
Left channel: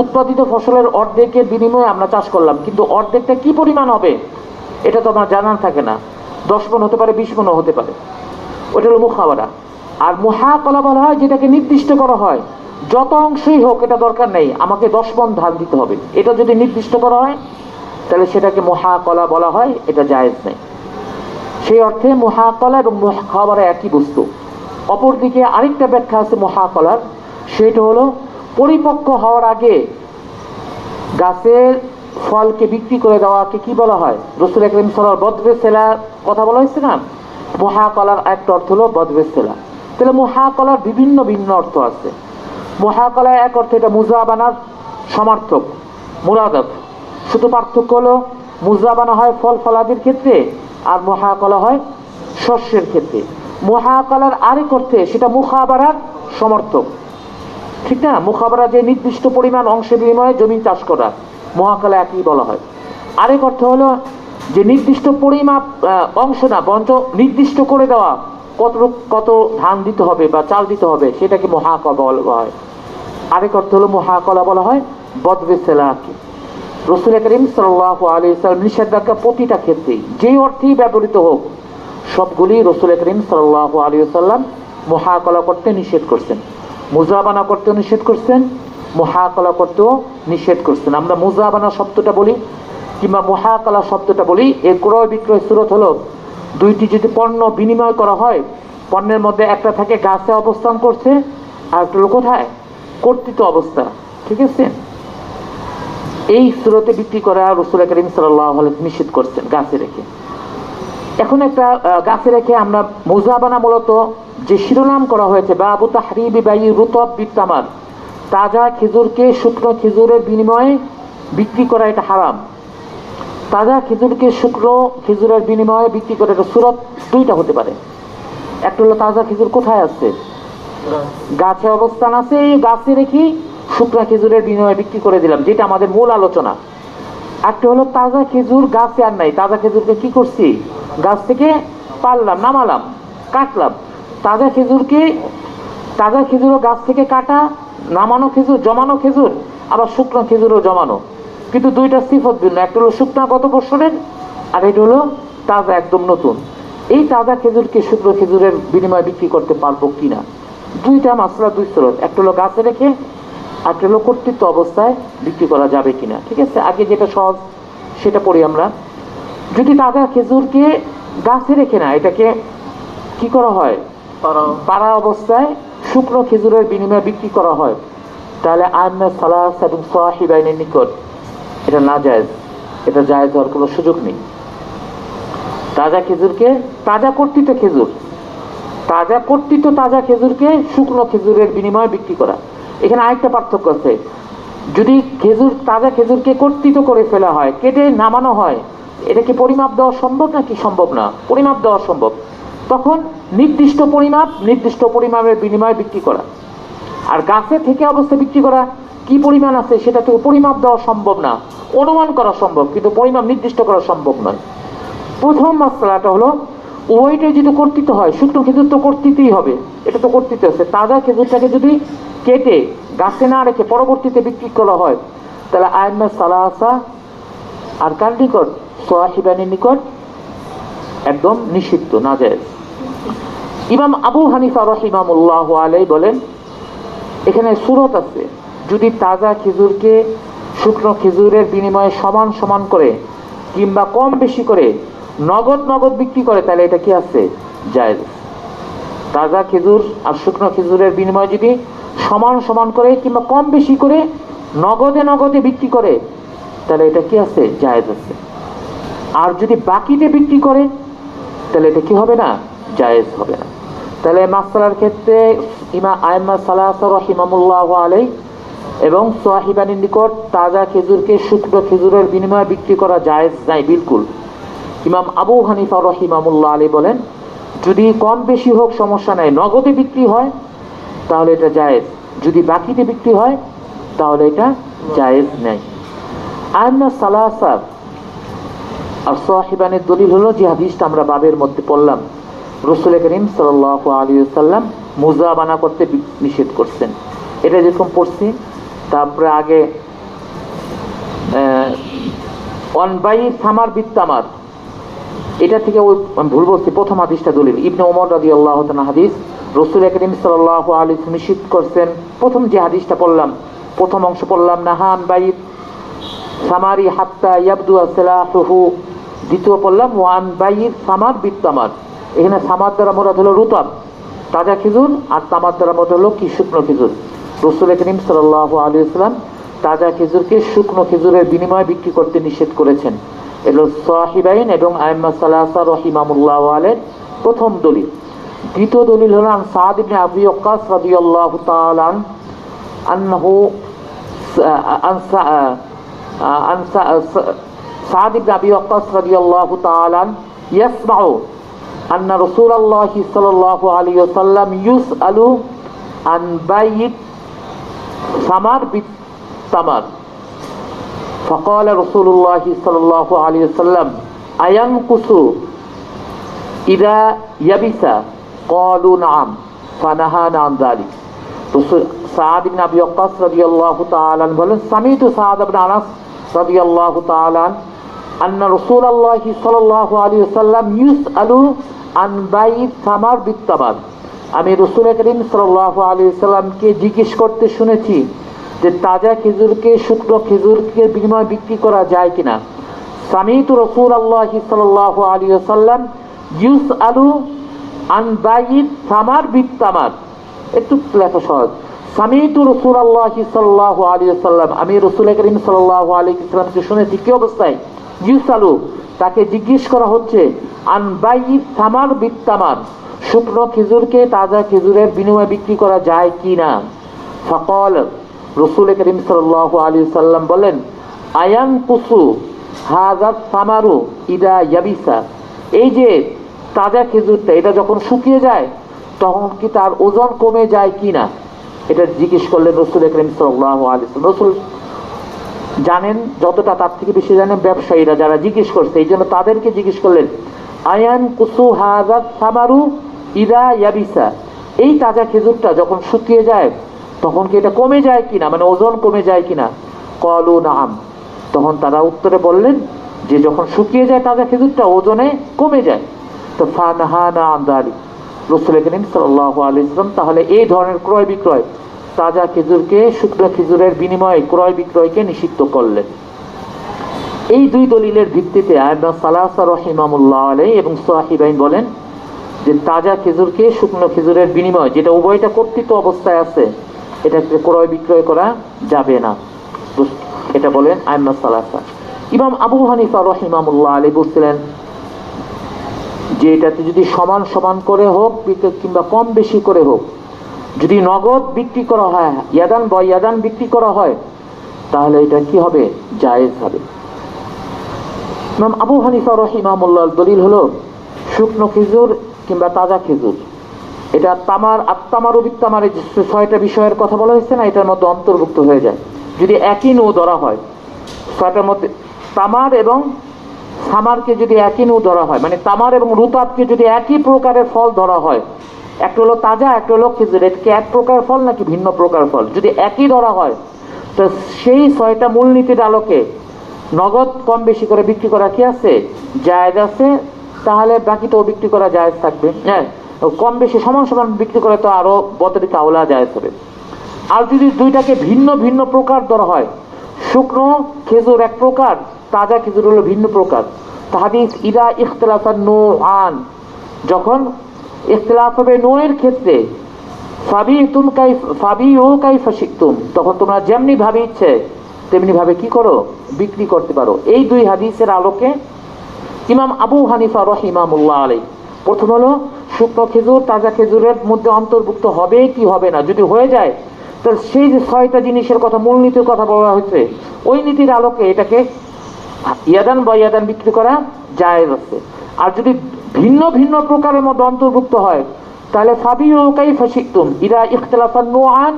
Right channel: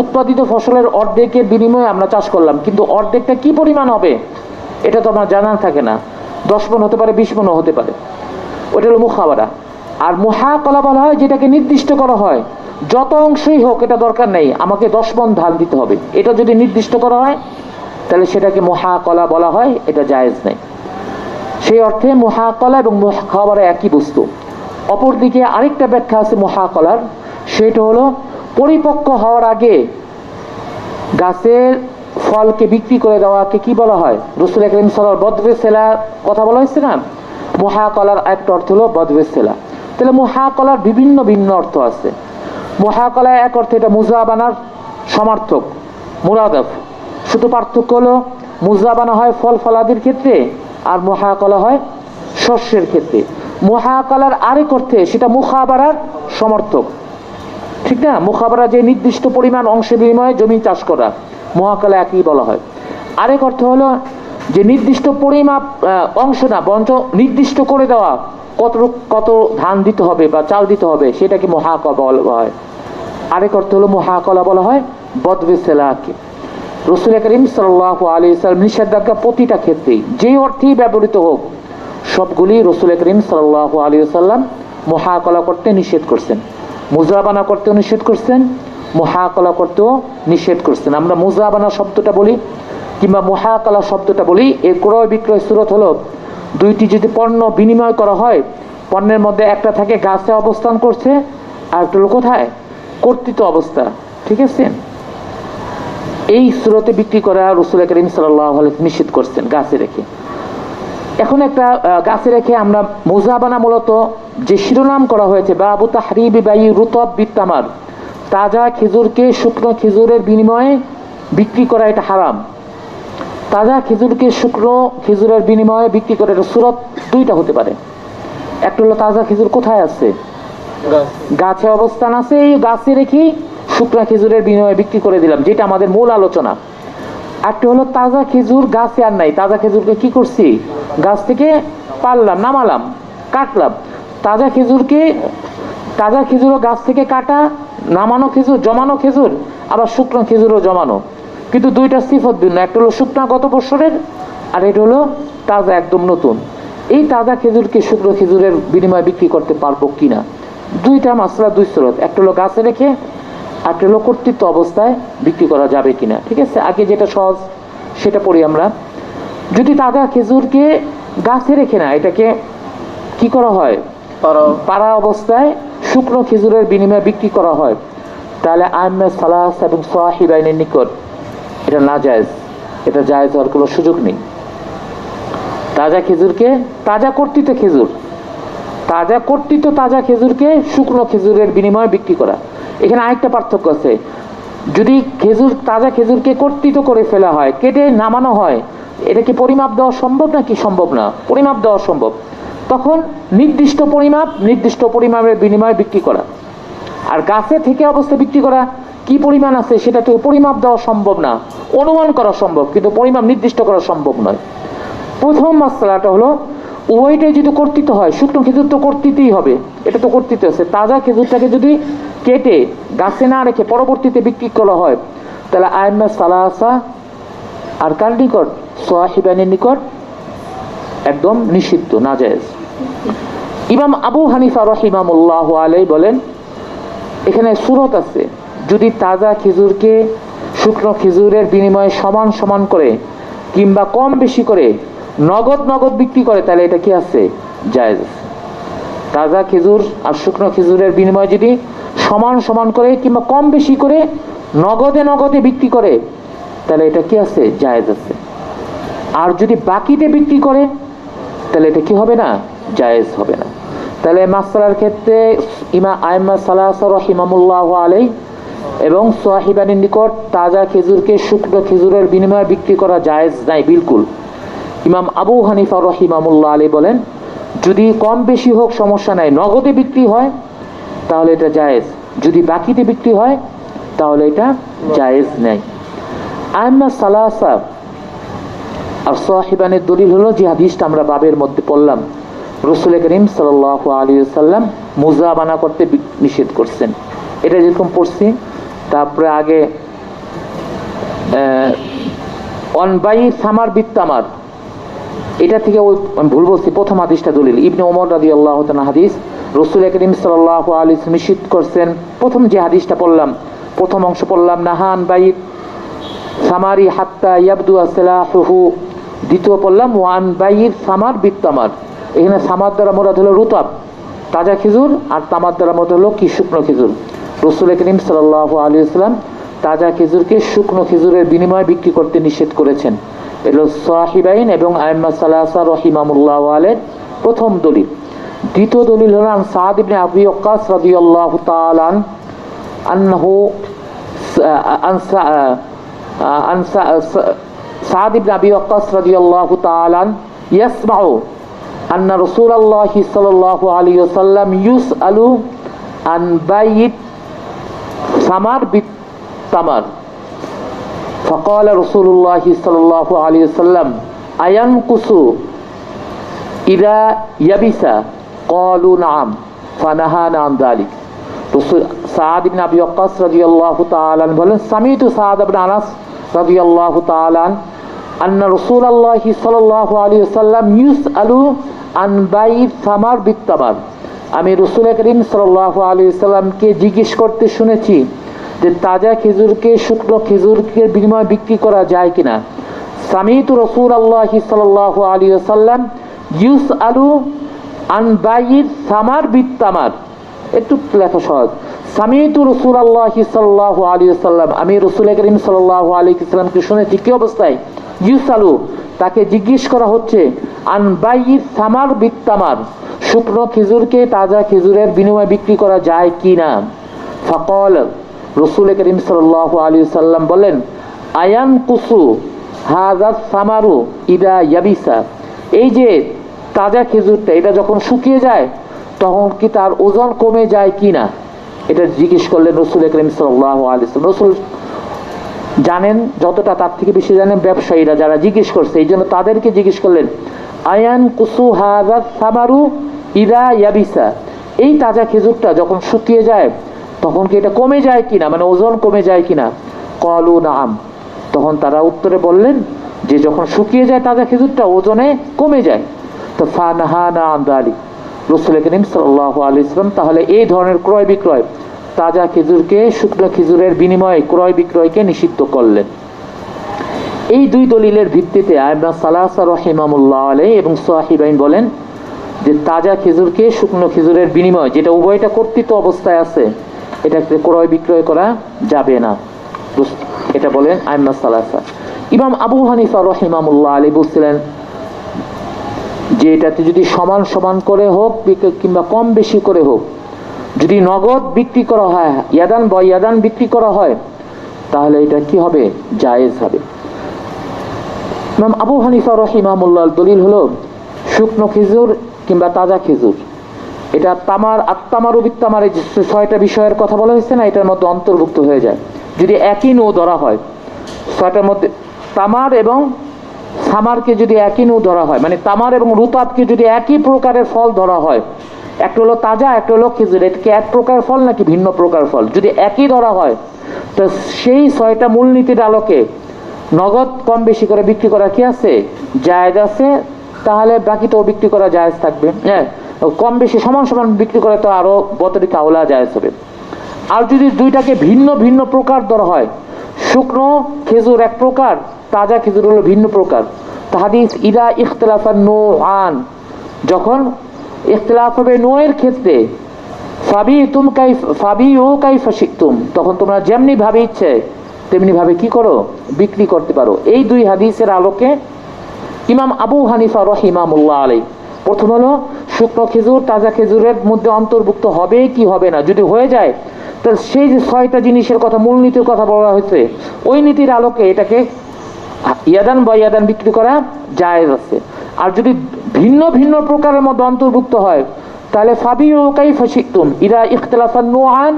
উৎপাদিত ফসলের অর্ধেকের বিনিময়ে আমরা চাষ করলাম, কিন্তু অর্ধেকটা কি পরিমাণ হবে এটা তো আমার জানা থাকে না। 10 মণ হতে পারে, 20 মণও হতে পারে। ওটা হলো মুখাবারা। আর মুহাকালা বলা হয় যেটাকে নির্দিষ্ট করা হয়, যত অংশই হোক এটা দরকার নেই, আমাকে 10 মণ ধান দিতে হবে, এটা যদি নির্দিষ্ট করা হয় তাহলে সেটাকে মুহাকালা বলা হয়, এটা জায়েজ নেই। সেই অর্থে মুহাকালা এবং মুখাবারা একই বস্তু। অপরদিকে আরেকটা ব্যাখ্যা আছে মুহাকালার, সেটা হলো পরিপক্ক হওয়ার আগে গাছের ফলকে বিক্রি করে দেওয়াকে কি বলা হয়? রাসূল আকরাম সাল্লাল্লাহু আলাইহি ওয়াসাল্লাম বদবে সেলা কথা বলা হয়েছে না? মুহাকালার একটা অর্থ হলো বদবে সেলা। তাহলে মুহাকালার বিভিন্ন ভিন্ন অর্থ আছে। মুহাকালা এক অর্থে এটা মুজাবানার সমার্থক, মুরাদাফ। শুধু পার্থক্য হলো মুজাবানা হয় ফল ফলাদির ক্ষেত্রে আর মুহাকালা হয় শস্যের ক্ষেত্রে। মুহাকালার আরেক অর্থে সেটা মুখাবারার সমর্থক, ঠিক না? মুখাবারা যে নির্দিষ্ট পরিমাণ অংশের বিনিময়ে জমি চাষ করা, মুহাকালা একই বলা হয়। আরেক অর্থ হলো যে নির্দিষ্ট পরিমাপ অংশ না, বরঞ্চ নির্দিষ্ট করে দেওয়া কত ধান দিতে হবে বা চাল দিতে হবে, সেটাকে মুহাকালা বলা হয়। আরেক অর্থ হলো মুহাকালা বলা হয় বদবে সেলাকে। রাসূল করিম সাল্লাল্লাহু আলাইহি ওয়াসাল্লাম নিষেধাজ্ঞা প্রতিটা ক্ষেত্রেই যেই অর্থেই ব্যবহৃত হোক সবগুলি রাসূল করিম সাল্লাল্লাহু আলাইহি ওয়াসাল্লাম মুহাকালা করতে নিষেধ করছেন, মুজাবানা করতেও নিষেধ করছেন, মুহাকালা করতেও নিষেধ করছেন। আমরা মুজাবানা শব্দটা বলি কিংবা মুহাকালা শব্দটা বলি, এর ক্রয় বিক্রয় সূরত হলো দুইটি যদি পণ্য বিনিময় করা হয়, পণ্যের মধ্যে একটা থাকে গাছে অবস্থান করছে আর একটা হলো কোথায়? কর্তৃত অবস্থা, ঠিক আছে? এই সূরতে বিক্রি করা রাসূল করিম সাল্লাল্লাহু আলাইহি ওয়াসাল্লাম নিষেধ করছেন গাছে রেখে। এখন একটা গাছে রেখে আমরা মুজাবানা মূলত যে শিরোনাম করা হয়েছে বাবু তাহরিবি বাই রুতাব বিত্তামার, তাজা খেজুরকে শুকনো খেজুরের বিনিময়ে বিক্রি করা এটা হারাম। তাজা খেজুরকে শুকনো খেজুরের বিনিময়ে বিক্রি করে এটা সূরত দুইটা হতে পারে। একটা হলো তাজা খেজুর কোথায় আছে? গাছে অবস্থান আছে, এই গাছে রেখে শুকনা খেজুরের বিনিময়ে বিক্রি করে দিলাম, যেটা আমাদের মূল আলোচনা। একটা হলো তাজা খেজুর গাছে আর নাই, তাজা খেজুরকে কি করছি? গাছ থেকে পারলাম, নামালাম, কাটলাম। তাজা খেজুরও গাছ থেকে কাটা, নামানো খেজুর, জমানো খেজুর, আবার শুকনো খেজুরও জমানো, কিন্তু দুইটা সিফত ভিন্ন। একটা হলো শুকনা গত বছরের, আর এটা হলো তাজা একদম নতুন। এই তাজা খেজুরকে শুকনো খেজুরের বিনিময়ে বিক্রি করতে পারবো কিনা, দুইটা মাসলা, দুই সূরত। একটা হলো গাছে রেখে, একটা হলো কর্তৃত্ব অবস্থায় বিক্রি করা যাবে কিনা, ঠিক আছে? আগে যেটা সহজ সেটা পড়ি আমরা। যদি তাজা খেজুরকে গাছে রেখে না, এটাকে কি করা হয়? পাড়া অবস্থায় শুকনো খেজুরের বিনিময়ে বিক্রি করা হয়, তাহলে আইম্মে সালাস এবং সাহিবাইনের নিকট এটা না জায়েজ, এটা জায়েজ হওয়ার কোনো সুযোগ নেই। তাজা খেজুরকে, তাজা কর্তৃত তাজা খেজুরকে শুকনো খেজুরের বিনিময়ে বিক্রি করা। এখানে আরেকটা পার্থক্য আছে, যদি তাজা খেজুরকে কর্তৃত করে ফেলা হয়, কেটে নামানো হয়, এটা কি পরিমাপ দেওয়া সম্ভব নাকি সম্ভব না? পরিমাপ দেওয়া সম্ভব। তখন নির্দিষ্ট পরিমাপের বিনিময়ে বিক্রি করা। আর গাছে থেকে অবস্থা বিক্রি করা, কি পরিমাণ আছে সেটা তো পরিমাপ দেওয়া সম্ভব না, অনুমান করা সম্ভব কিন্তু পরিমাপ নির্দিষ্ট করা সম্ভব নয়। প্রথম মাসলাটা হলো উভয়টাই যদি কর্তৃত হয়, শুকনো খেজুর তো কর্তৃতই হবে, এটা তো কর্তৃত আছে। তাজা খেজুরটাকে যদি কেটে গাছে না রেখে পরবর্তীতে বিক্রি করা হয়, তাহলে আইম্মা সালাসা আর কার নিকট? সাহিবানির নিকট একদম নিষিদ্ধ, নাজায়েজ। ইমাম আবু হানিফা রাহিমাহুল্লাহু আলাইহি বলেন, এখানে সুরত আছে, যদি তাজা খেজুরকে শুকনো খেজুরের বিনিময়ে সমান সমান করে কিংবা কম বেশি করে নগদ বিক্রি করে, তাহলে এটা কি আছে? জায়েজ। তাজা খেজুর আর শুকনো খেজুরের বিনিময়ে যদি সমান সমান করে কিংবা কম বেশি করে নগদে বিক্রি করে, তাহলে এটা কি আছে? জায়েজ আছে। আর যদি বাকিতে বিক্রি করে, তাহলে এটা কি হবে না? জায়েজ হবে না। তাহলে মাসআলার ক্ষেত্রে আইম্মা সালাসা রাহিমাহুল্লাহু আলাইহি এবং সাহিবানির নিকট তাজা খেজুরকে শুকনো খেজুরের বিনিময়ে বিক্রি করা জায়েজ নাই বিলকুল। ইমাম আবু হানিফা রাহিমাহুল্লাহ আলাইহি বলেন, যদি কম বেশি হোক সমস্যা নাই, নগদে বিক্রি হয় তাহলে এটা জায়েজ, যদি বাকিতে বিক্রি হয় তাহলে এটা জায়েজ নাই। আইম্মা সালাসা আর সাহিবানের দলিল হলো যে হাদিসটা আমরা বাবের মধ্যে পড়লাম, রাসূল করিম সাল্লাল্লাহু আলাইহি ওয়াসাল্লাম মুজাবানা করতে নিষেধ করছেন। এটা যেরকম পড়ছি, তারপরে আগে অনবাই সামার বিত্তামার, এটা থেকে ভুল বলছি, প্রথম হাদিসটা দলিল ইবনে ওমর রাদিয়াল্লাহু তাআলা হাদিস, রাসূল করিম সাল্লাল্লাহু আলাইহি ওয়াসাল্লাম নিষেধ করছেন। প্রথম যে হাদিসটা পড়লাম, প্রথম অংশ পড়লাম, নাহান বাইত সামারি হাত্তা ইয়াবদু সালাহুহু, দ্বিতীয় পড়লাম ওয়ান বাইর সামার বিত্তামার। এখানে সামার দ্বারা মোরাদ হলো রুতাব তাজা খেজুর, আর তামার দ্বারা মোরাদ হলো কি? শুকনো খেজুর। রাসূল করিম সাল্লাল্লাহু আলাইহি ওয়াসাল্লাম তাজা খেজুরকে শুকনো খেজুরের বিনিময়ে বিক্রি করতে নিষেধ করেছেন। এলো সাহিবাইন এবং আইম্মা সালাসা রাহিমাহুল্লাহু আলাইহি প্রথম দলিল। দ্বিতীয় দলিল হলো আন সাদ ইবনে আবি ওয়াক্কাস রাদিয়াল্লাহু তাআলা আনহু عن سعد بن أبي وقاص رضي الله تعالى يسمع أن رسول الله صلى الله عليه وسلم يسأل عن بيع ثمر بالتمر فقال رسول الله صلى الله عليه وسلم أينقص إذا يبس قالوا نعم فنهانا عن ذلك। সাদ ইবনে আবি ওয়াক্কাস রাদিয়াল্লাহু তাআলা বলেন, সামিতু সাদ ইবনে আনাস রাদিয়াল্লাহু তাআলা আন্না রাসূলুল্লাহ সাল্লাল্লাহু আলাইহি ওয়াসাল্লাম ইউসআলু আন বাই সামার বিত্তামার, আমি রাসূল করিম সাল্লাল্লাহু আলাইহি ওয়াসাল্লামকে জিজ্ঞেস করতে শুনেছি যে তাজা খেজুরকে শুকনো খেজুরকে বিনিময়ে বিক্রি করা যায় কিনা। সামিতু রাসূলুল্লাহ সাল্লাল্লাহু আলাইহি ওয়াসাল্লাম ইউসআলু আন বাই সামার বিত্তামার, একটু লেখা সহজ। সামিতু রাসূলুল্লাহ সাল্লাল্লাহু আলাইহি ওয়াসাল্লাম, আমি রাসূল করিম সাল্লাল্লাহু আলাইহি ওয়াসাল্লামকে শুনেছি কি অবস্থায়? ইউসালু, তাকে জিজ্ঞেস করা হচ্ছে, আন বাইই সামার বিত্তামার, শুকনো খেজুরকে তাজা খেজুরের বিনিময়ে বিক্রি করা যায় কি না। ফাকাল, রাসূল করিম সাল্লাল্লাহু আলাইহি ওয়াসাল্লাম বলেন, আয়ান কুসু হাযা সামারু ইদা ইয়াবিসা, এই যে তাজা খেজুরটা এটা যখন শুকিয়ে যায় তখন কি তার ওজন কমে যায় কিনা, এটা জিজ্ঞেস করলেন রাসূল করিম সাল্লাল্লাহু আলাইহি ওয়াসাল্লাম। রাসূল জানেন যতটা, তার থেকে বেশি জানেন ব্যবসায়ীরা যারা জিজ্ঞেস করছে, এই জন্য তাদেরকে জিজ্ঞেস করলেন, আয়ান কুসু হাযা সামারু ইদা ইয়াবিসা, এই তাজা খেজুরটা যখন শুকিয়ে যায় তখন কি এটা কমে যায় কিনা, মানে ওজন কমে যায় কিনা। ক্বালু নাআম, তখন তারা উত্তরে বললেন যে যখন শুকিয়ে যায় তাজা খেজুরটা ওজনে কমে যায়। তো ফানাহানা আন যালিক, রাসূল করিম সাল্লাল্লাহু আলাইহি ওয়াসাল্লাম তাহলে এই ধরনের ক্রয় বিক্রয়, তাজা খেজুরকে শুকনো খেজুরের বিনিময়ে ক্রয় বিক্রয়কে নিষিদ্ধ করলেন। এই দুই দলিলের ভিত্তিতে আইম্মা সালাসা রাহিমাহুল্লাহ আলাইহি এবং সাহিবাইন বলেন যে তাজা খেজুরকে শুকনো খেজুরের বিনিময়ে, যেটা উভয়টা কর্তৃত অবস্থায় আছে, এটাকে ক্রয় বিক্রয় করা যাবে না, এটা বলেন আইম্মা সালাসা। ইমাম আবু হানিফা রাহিমাহুল্লাহ আলাইহি বলছিলেন যে এটাতে যদি সমান সমান করে হোক কিংবা কম বেশি করে হোক, যদি নগদ বিক্রি করা হয়, ইয়াদান বা ইয়াদান বিক্রি করা হয়, তাহলে এটা কি হবে? জায়েজ হবে। ইমাম আবু হানিফা রাহিমাহুল্লাহ দলিল হলো শুকনো খেজুর কিংবা তাজা খেজুর, এটা তামার ও বিত্তামার, এই যে 6টা বিষয়ের কথা বলা হয়েছে না, এটার মধ্যে অন্তর্ভুক্ত হয়ে যায়। যদি একই নৌ ধরা হয়, 6টার মধ্যে তামার এবং সামারকে যদি একই নৌ ধরা হয়, মানে তামার এবং রুতাবকে যদি একই প্রকারের ফল ধরা হয়, একটা হলো তাজা, একটা হলো খেজুর, এটা কি এক প্রকার ফল নাকি ভিন্ন প্রকার ফল? যদি একই ধরা হয়, তো সেই 6টা মূলনীতির আলোকে নগদ কম বেশি করে বিক্রি করা কি আছে, জায়েজ আছে, তাহলে বাকিটাও বিক্রি করা জায়েজ থাকবে। হ্যাঁ, কম বেশি সমান সমান বিক্রি করে তো আরো বতরিকা আওলা জায়েজ হবে। আর যদি দুইটাকে ভিন্ন ভিন্ন প্রকার ধরা হয়, শুকনো খেজুর এক প্রকার, তাজা খেজুর হলো ভিন্ন প্রকার, তো হাদিস ইদা ইখতিলাফান নূআন, যখন ইখতিলাফ হবে নূয়ের ক্ষেত্রে, ফাবিউ কাইফা শিতুম, তখন তোমরা যেমনি ভাবে ইচ্ছে তেমনি ভাবে কি করো, বিক্রি করতে পারো। এই দুই হাদিসের আলোকে ইমাম আবু হানিফা রাহিমাহুল্লাহ আলাইহি, প্রথম হলো শুকনো খেজুর তাজা খেজুরের মধ্যে অন্তর্ভুক্ত হবে কি হবে না, যদি হয়ে যায় তাহলে সেই যে 6টা জিনিসের কথা, মূলনীতির কথা বলা হয়েছে, ওই নীতির আলোকে এটাকে ইয়াদান বা ইয়াদান বিক্রি করা জায়েজ আছে। আর যদি ভিন্ন ভিন্ন প্রকারের মধ্যে অন্তর্ভুক্ত হয়, তাহলে ফাবিউ কাইফা শিতুম ইদা ইখতিলাফান নূআন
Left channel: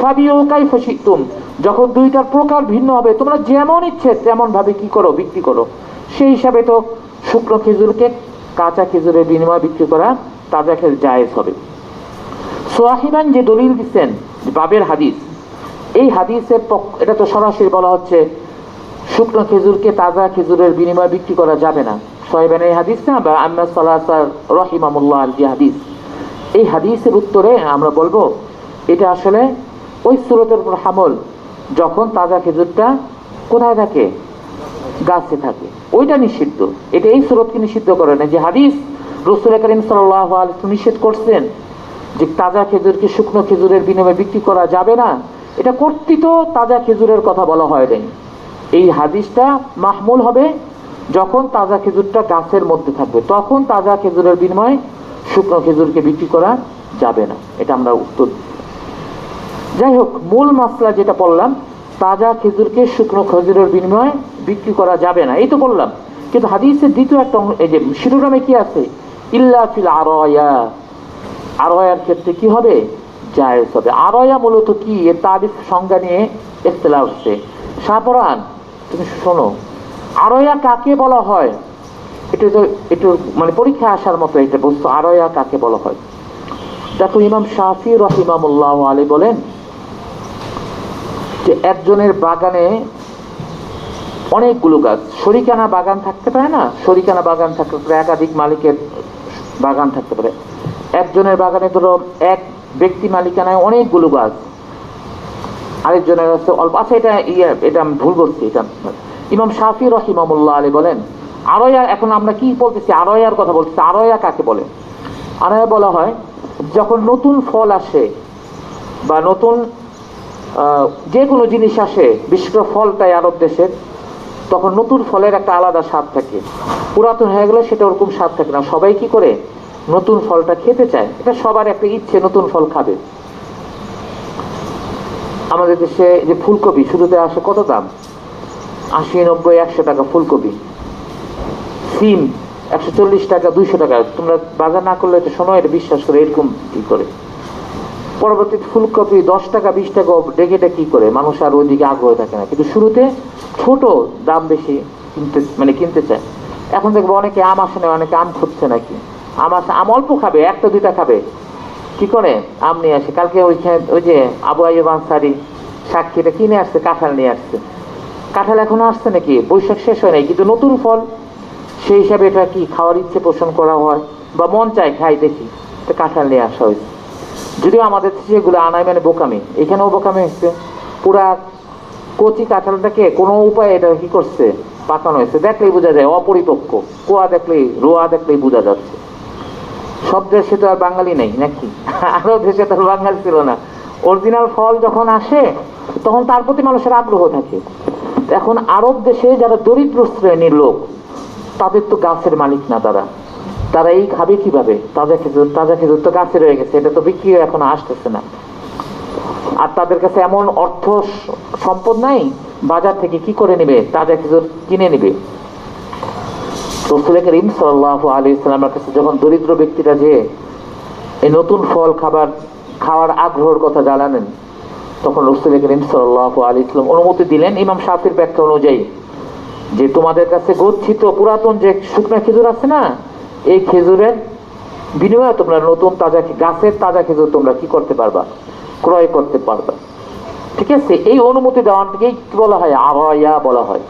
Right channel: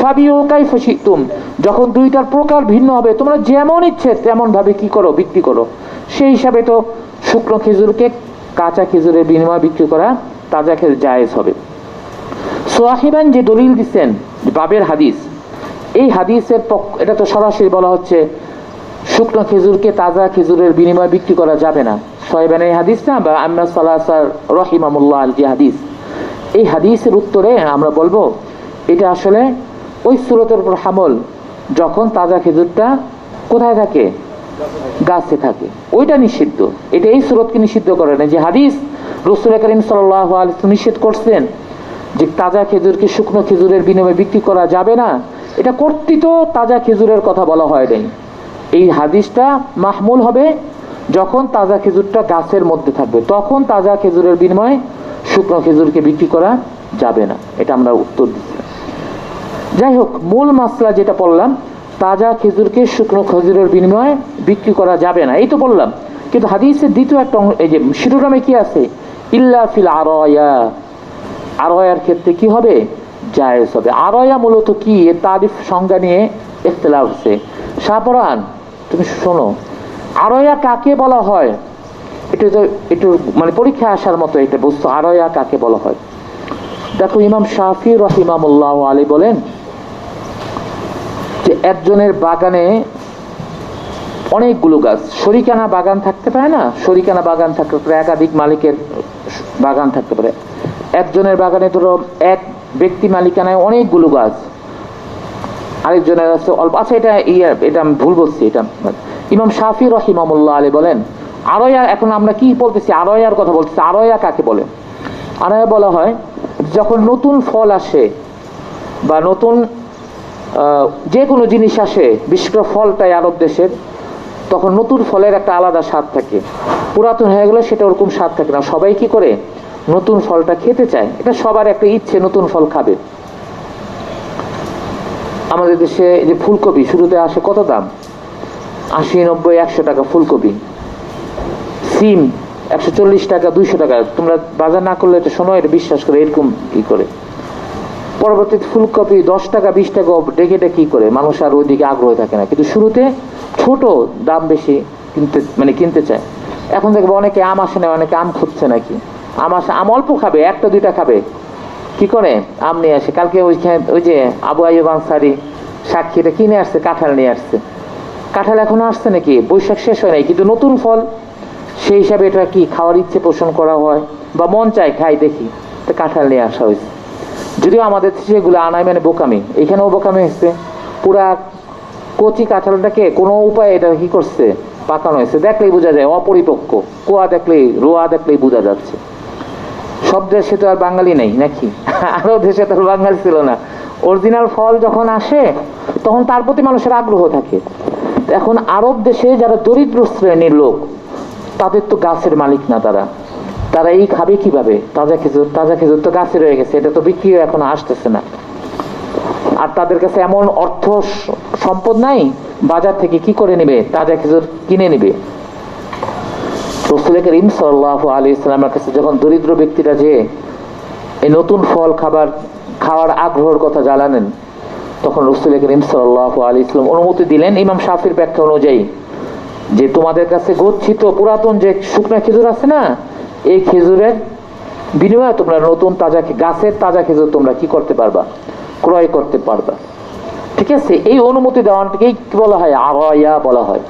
ফাবিউ কাইফা শিতুম, যখন দুইটার প্রকার ভিন্ন হবে তোমরা যেমন ইচ্ছে তেমন ভাবে কি করো, বিক্রি করো। সেই হিসাবে তো শুকনো খেজুরকে কাঁচা খেজুরের বিনিময়ে বিক্রি করা তাজা খেজুর জায়েজ হবে। সোয়াহিবান যে দলিল দিচ্ছেন বাবের হাদিস, এই হাদিসের এটা তো সরাসরি বলা হচ্ছে শুকনো খেজুরকে তাজা খেজুরের বিনিময়ে বিক্রি করা যাবে না। সোয়াহিবানের হাদিস না, বা আম্মা সালাসার রহিমাহুল্লাহ যে হাদিস, এই হাদিসের উত্তরে আমরা বলবো এটা আসলে ওই সূরতের উপর হামল, যখন তাজা খেজুরটা কোথায় থাকে, গাছে থাকে, ওইটা নিষিদ্ধ। এটা এই সূরতকে নিষিদ্ধ করে না। যে হাদিস রাসূল করিম সাল্লাল্লাহু আলাইহি ওয়াসাল্লাম নিষেধ করছেন যে তাজা খেজুরকে শুকনো খেজুরের বিনিময়ে বিক্রি করা যাবে না, এটা কর্তৃত তাজা খেজুরের কথা বলা হয় নাই। এই হাদিসটা মাহমুল হবে যখন তাজা খেজুরটা গাছের মধ্যে থাকবে, তখন তাজা খেজুরের বিনিময়ে শুকনো খেজুরকে বিক্রি করা যাবে না। এটা আমরা উত্তর দিচ্ছি। যাই হোক, মূল মাসলা যেটা বললাম, তাজা খেজুরকে শুকনো খেজুরের বিনিময়ে বিক্রি করা যাবে না, এই তো বললাম। কিন্তু হাদিসের দ্বিতীয় একটা, এই যে শিরোনামে কি আছে, ইল্লা ফিল আরায়া, আরায়ার ক্ষেত্রে কি হবে, জায়েজ হবে। আরায়া মূলত কি, এর তারিফ সংজ্ঞা নিয়ে ইখতিলাফ আছে। শাহপরান তুমি শোনো, আরায়া কাকে বলা হয়, এটা তো একটু মানে পরীক্ষা আসার মতো এটা বস্তু, আরায়া কাকে বলা হয়। দেখো, ইমাম শাফি রাহিমাহুল্লাহ আলাইহি বলেন যে একজনের বাগানে অনেকগুলো গাছ, শরিকানা বাগান থাকতে পারে না, শরিকানা বাগান থাকতে পারে, একাধিক মালিকের বাগান থাকতে পারে। একজনের বাগানে ধরো এক ব্যক্তি মালিকানায় অনেকগুলো গাছ, আরেকজনের আছে অল্প। আচ্ছা, এটা আমি ভুল বলছি, এটা ইমাম শাফি রাহিমাহুল্লাহ আলাইহি বলেন আরায়া। এখন আমরা কি বলতেছি, আরায়ার কথা বলতেছি। আরায়া কাকে বলে? আরায়া বলা হয় যখন নতুন ফল আসে বা নতুন যে কোনো জিনিস আসে, বিশেষ করে ফলটাই আরব দেশের, তখন নতুন ফলের একটা আলাদা স্বাদ থাকে। পুরাতন হয়ে গেলে সেটা ওরকম স্বাদ থাকে না। সবাই কি করে, নতুন ফলটা খেতে চায়, এটা সবার একটা ইচ্ছে, নতুন ফল খাবে। আমাদের দেশে যে ফুলকপি শুরুতে আসে কত দাম, 80, 90, 100 টাকা ফুলকপি। সিম 140 টাকা, 200 টাকা। তোমরা বাজার না করলে তো শোনো, এটা বিশ্বাস করে এরকম কি করে। পরবর্তীতে ফুলকপি 10 টাকা, 20 টাকা, ডেকে কি করে, মানুষ আর ওইদিকে আগ্রহ থাকে না। কিন্তু শুরুতে ছোট, দাম বেশি, কিনতে চায়। এখন দেখবো অনেকে আম আসে না, অনেকে আম খুঁজছে নাকি, আম আসে, আম অল্প খাবে, 1টা 2টা খাবে, কি করে আম নিয়ে আসে। কালকে ওই যে আবু আইয়ুব আনসারী সাক্ষীটা কিনে আসছে, কাঁঠাল নিয়ে আসছে। কাঁঠাল এখনো আসছে নাকি, বৈশাখ শেষ হয় নাই, কিন্তু নতুন ফল, সেই হিসাবে এটা কি খাওয়ার ইচ্ছে পোষণ করা হয়, বা মন চায় খাই দেখি, তো কাঁঠাল নিয়ে আসা হয়েছে। যদিও আমাদের সেগুলো আনায় মানে বোকামি, এখানেও বোকামি হয়েছে। পুরা কচি কাঁঠালটাকে কোনো উপায়ে এটা কি করছে, পাকানো হয়েছে, দেখলেই বোঝা যায় অপরিপক্ক, কোয়া দেখলেই, রোয়া দেখলেই বোঝা যাচ্ছে। সব দেশে তো আর বাঙালি নেই নাকি, আরো দেশে তো বাঙালি ছিল না। অরিজিনাল ফল যখন আসে তখন তার প্রতি মানুষের আগ্রহ থাকে। এখন আরব দেশে যারা দরিদ্র শ্রেণীর লোক, তাদের তো গাছের মালিক না, তারা এই খাবে কিভাবে, তাজা খেজুর তো গাছে রয়ে গেছে, এটা তো বিক্রি এখন আসতেছে না। আর তাদের কাছে এমন অর্থ সম্পদ নাই, বাজার থেকে কি করে নেবে, তাজা খেজুর কিনে নেবে। রাসূল করিম সাল্লাল্লাহু আলাইহি ওয়াসাল্লামের কাছে যখন দরিদ্র ব্যক্তিরা যে এই নতুন ফল খাওয়ার আগ্রহের কথা জানালেন, তখন রাসূল করিম সাল্লাল্লাহু আলাইহি ওয়াসাল্লাম অনুমতি দিলেন ইমাম শাফির ব্যাখ্যা অনুযায়ী, যে তোমাদের কাছে গচ্ছিত পুরাতন যে শুকনা খেজুর আছে না, এই খেজুরের বিনিময়ে তোমরা নতুন তাজা গাছের তাজা খেজুর তোমরা কি করতে পারবা, ক্রয় করতে পারবা। ঠিক আছে, এই অনুমতি দেওয়াটাকেই কি বলা হয়, আগায়া বলা হয়।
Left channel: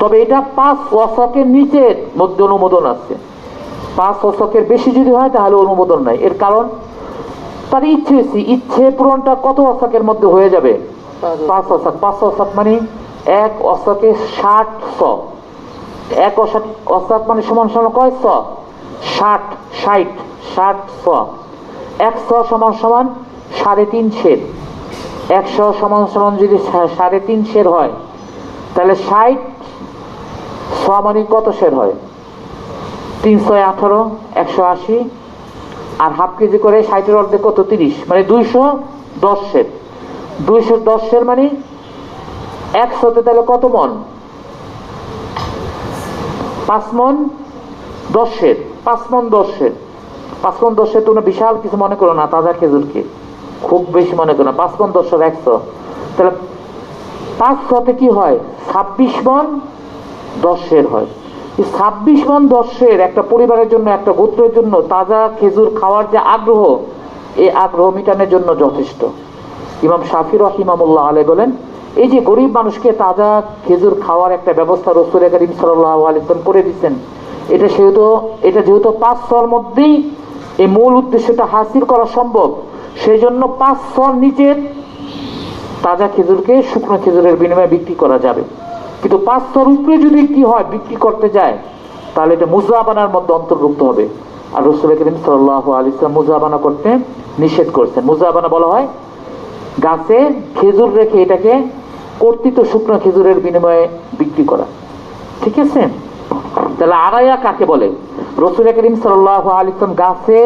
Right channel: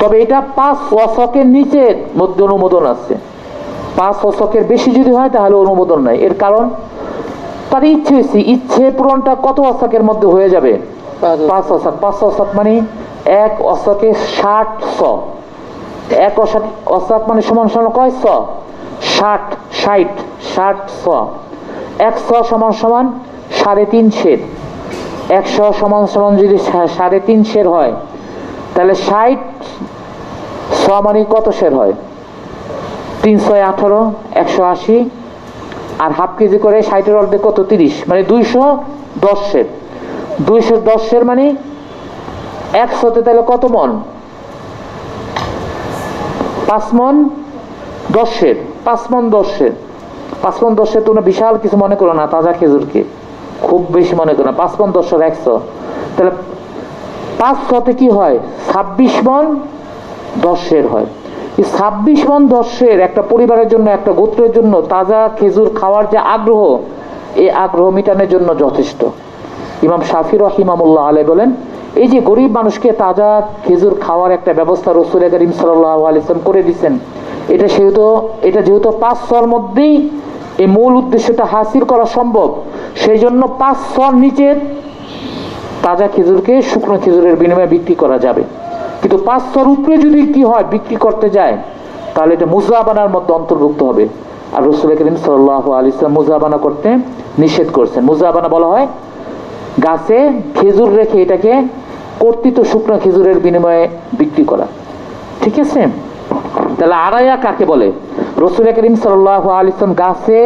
তবে এটা 5 ওয়াসকের নিচের মধ্যে অনুমোদন আছে। 5 ওয়াসকের বেশি যদি হয় তাহলে অনুমোদন নাই। এর কারণ তার ইচ্ছে পূরণটা কত ওয়াসকের মধ্যে হয়ে যাবে, 5 ওয়াসক। 5 ওয়াসক মানে এক ওয়াসকে 60 স। এক ওয়াসক মানে সমান সমান কয় স, 60 স। 100 সমান সমান 3.5 সের। 100 সমান সমান যদি 3.5 সের হয়, তাহলে 60 স মানে কত সের হয়, 318, 180, আর হাফ কেজি করে 60-এর অর্ধেক কত, 30, মানে 210 সের। 210 সের মানে 100তে তাহলে কত মন, 5 মন 10 সের। 5 মন 10 সের। 5 মন 10 সের তোমরা বিশাল কিছু মনে করো না, তাজা খেজুরকে খুব বেশি মনে করো না। 5 মন 10 সের 100, তাহলে 500তে কি হয়, 26 মন 10 সের হয়। এই 26 মন 10 সের একটা পরিবারের জন্য, একটা গোত্রের জন্য তাজা খেজুর খাওয়ার যে আগ্রহ, এই আগ্রহ মিটানোর জন্য যথেষ্ট। ইমাম শাফি রাহিমাহুল্লাহ আলাইহি বলেন, এই যে গরিব মানুষকে তাজা খেজুর খাওয়ার একটা ব্যবস্থা রাসূল করিম সাল্লাল্লাহু আলাইহি ওয়াসাল্লাম করে দিয়েছেন, এটা যেহেতু 5 সর মধ্যেই এই মূল উদ্দেশ্যটা হাসিল করা সম্ভব, সেই জন্য 5 সর নিচের তাজা খেজুরকে শুকনো খেজুরের বিনিময়ে বিক্রি করা যাবে। কিন্তু 5 সর উপরে যদি কি হয়, বিক্রি করতে যায়, তাহলে এটা মুজাবানার মধ্যে অন্তর্ভুক্ত হবে। আর রাসূল করিম সাল্লাল্লাহু আলাইহি ওয়াসাল্লাম মুজাবানা করতে নিষেধ করেছেন। মুজাবানা বলা হয় গাছে খেজুর রেখে এটাকে কর্তৃত শুকনো খেজুরের বিনিময়ে বিক্রি করা। ঠিক আছে, তাহলে আরায়া কাকে বলে? রাসূল করিম সাল্লাল্লাহু আলাইহি ওয়াসাল্লাম গাছে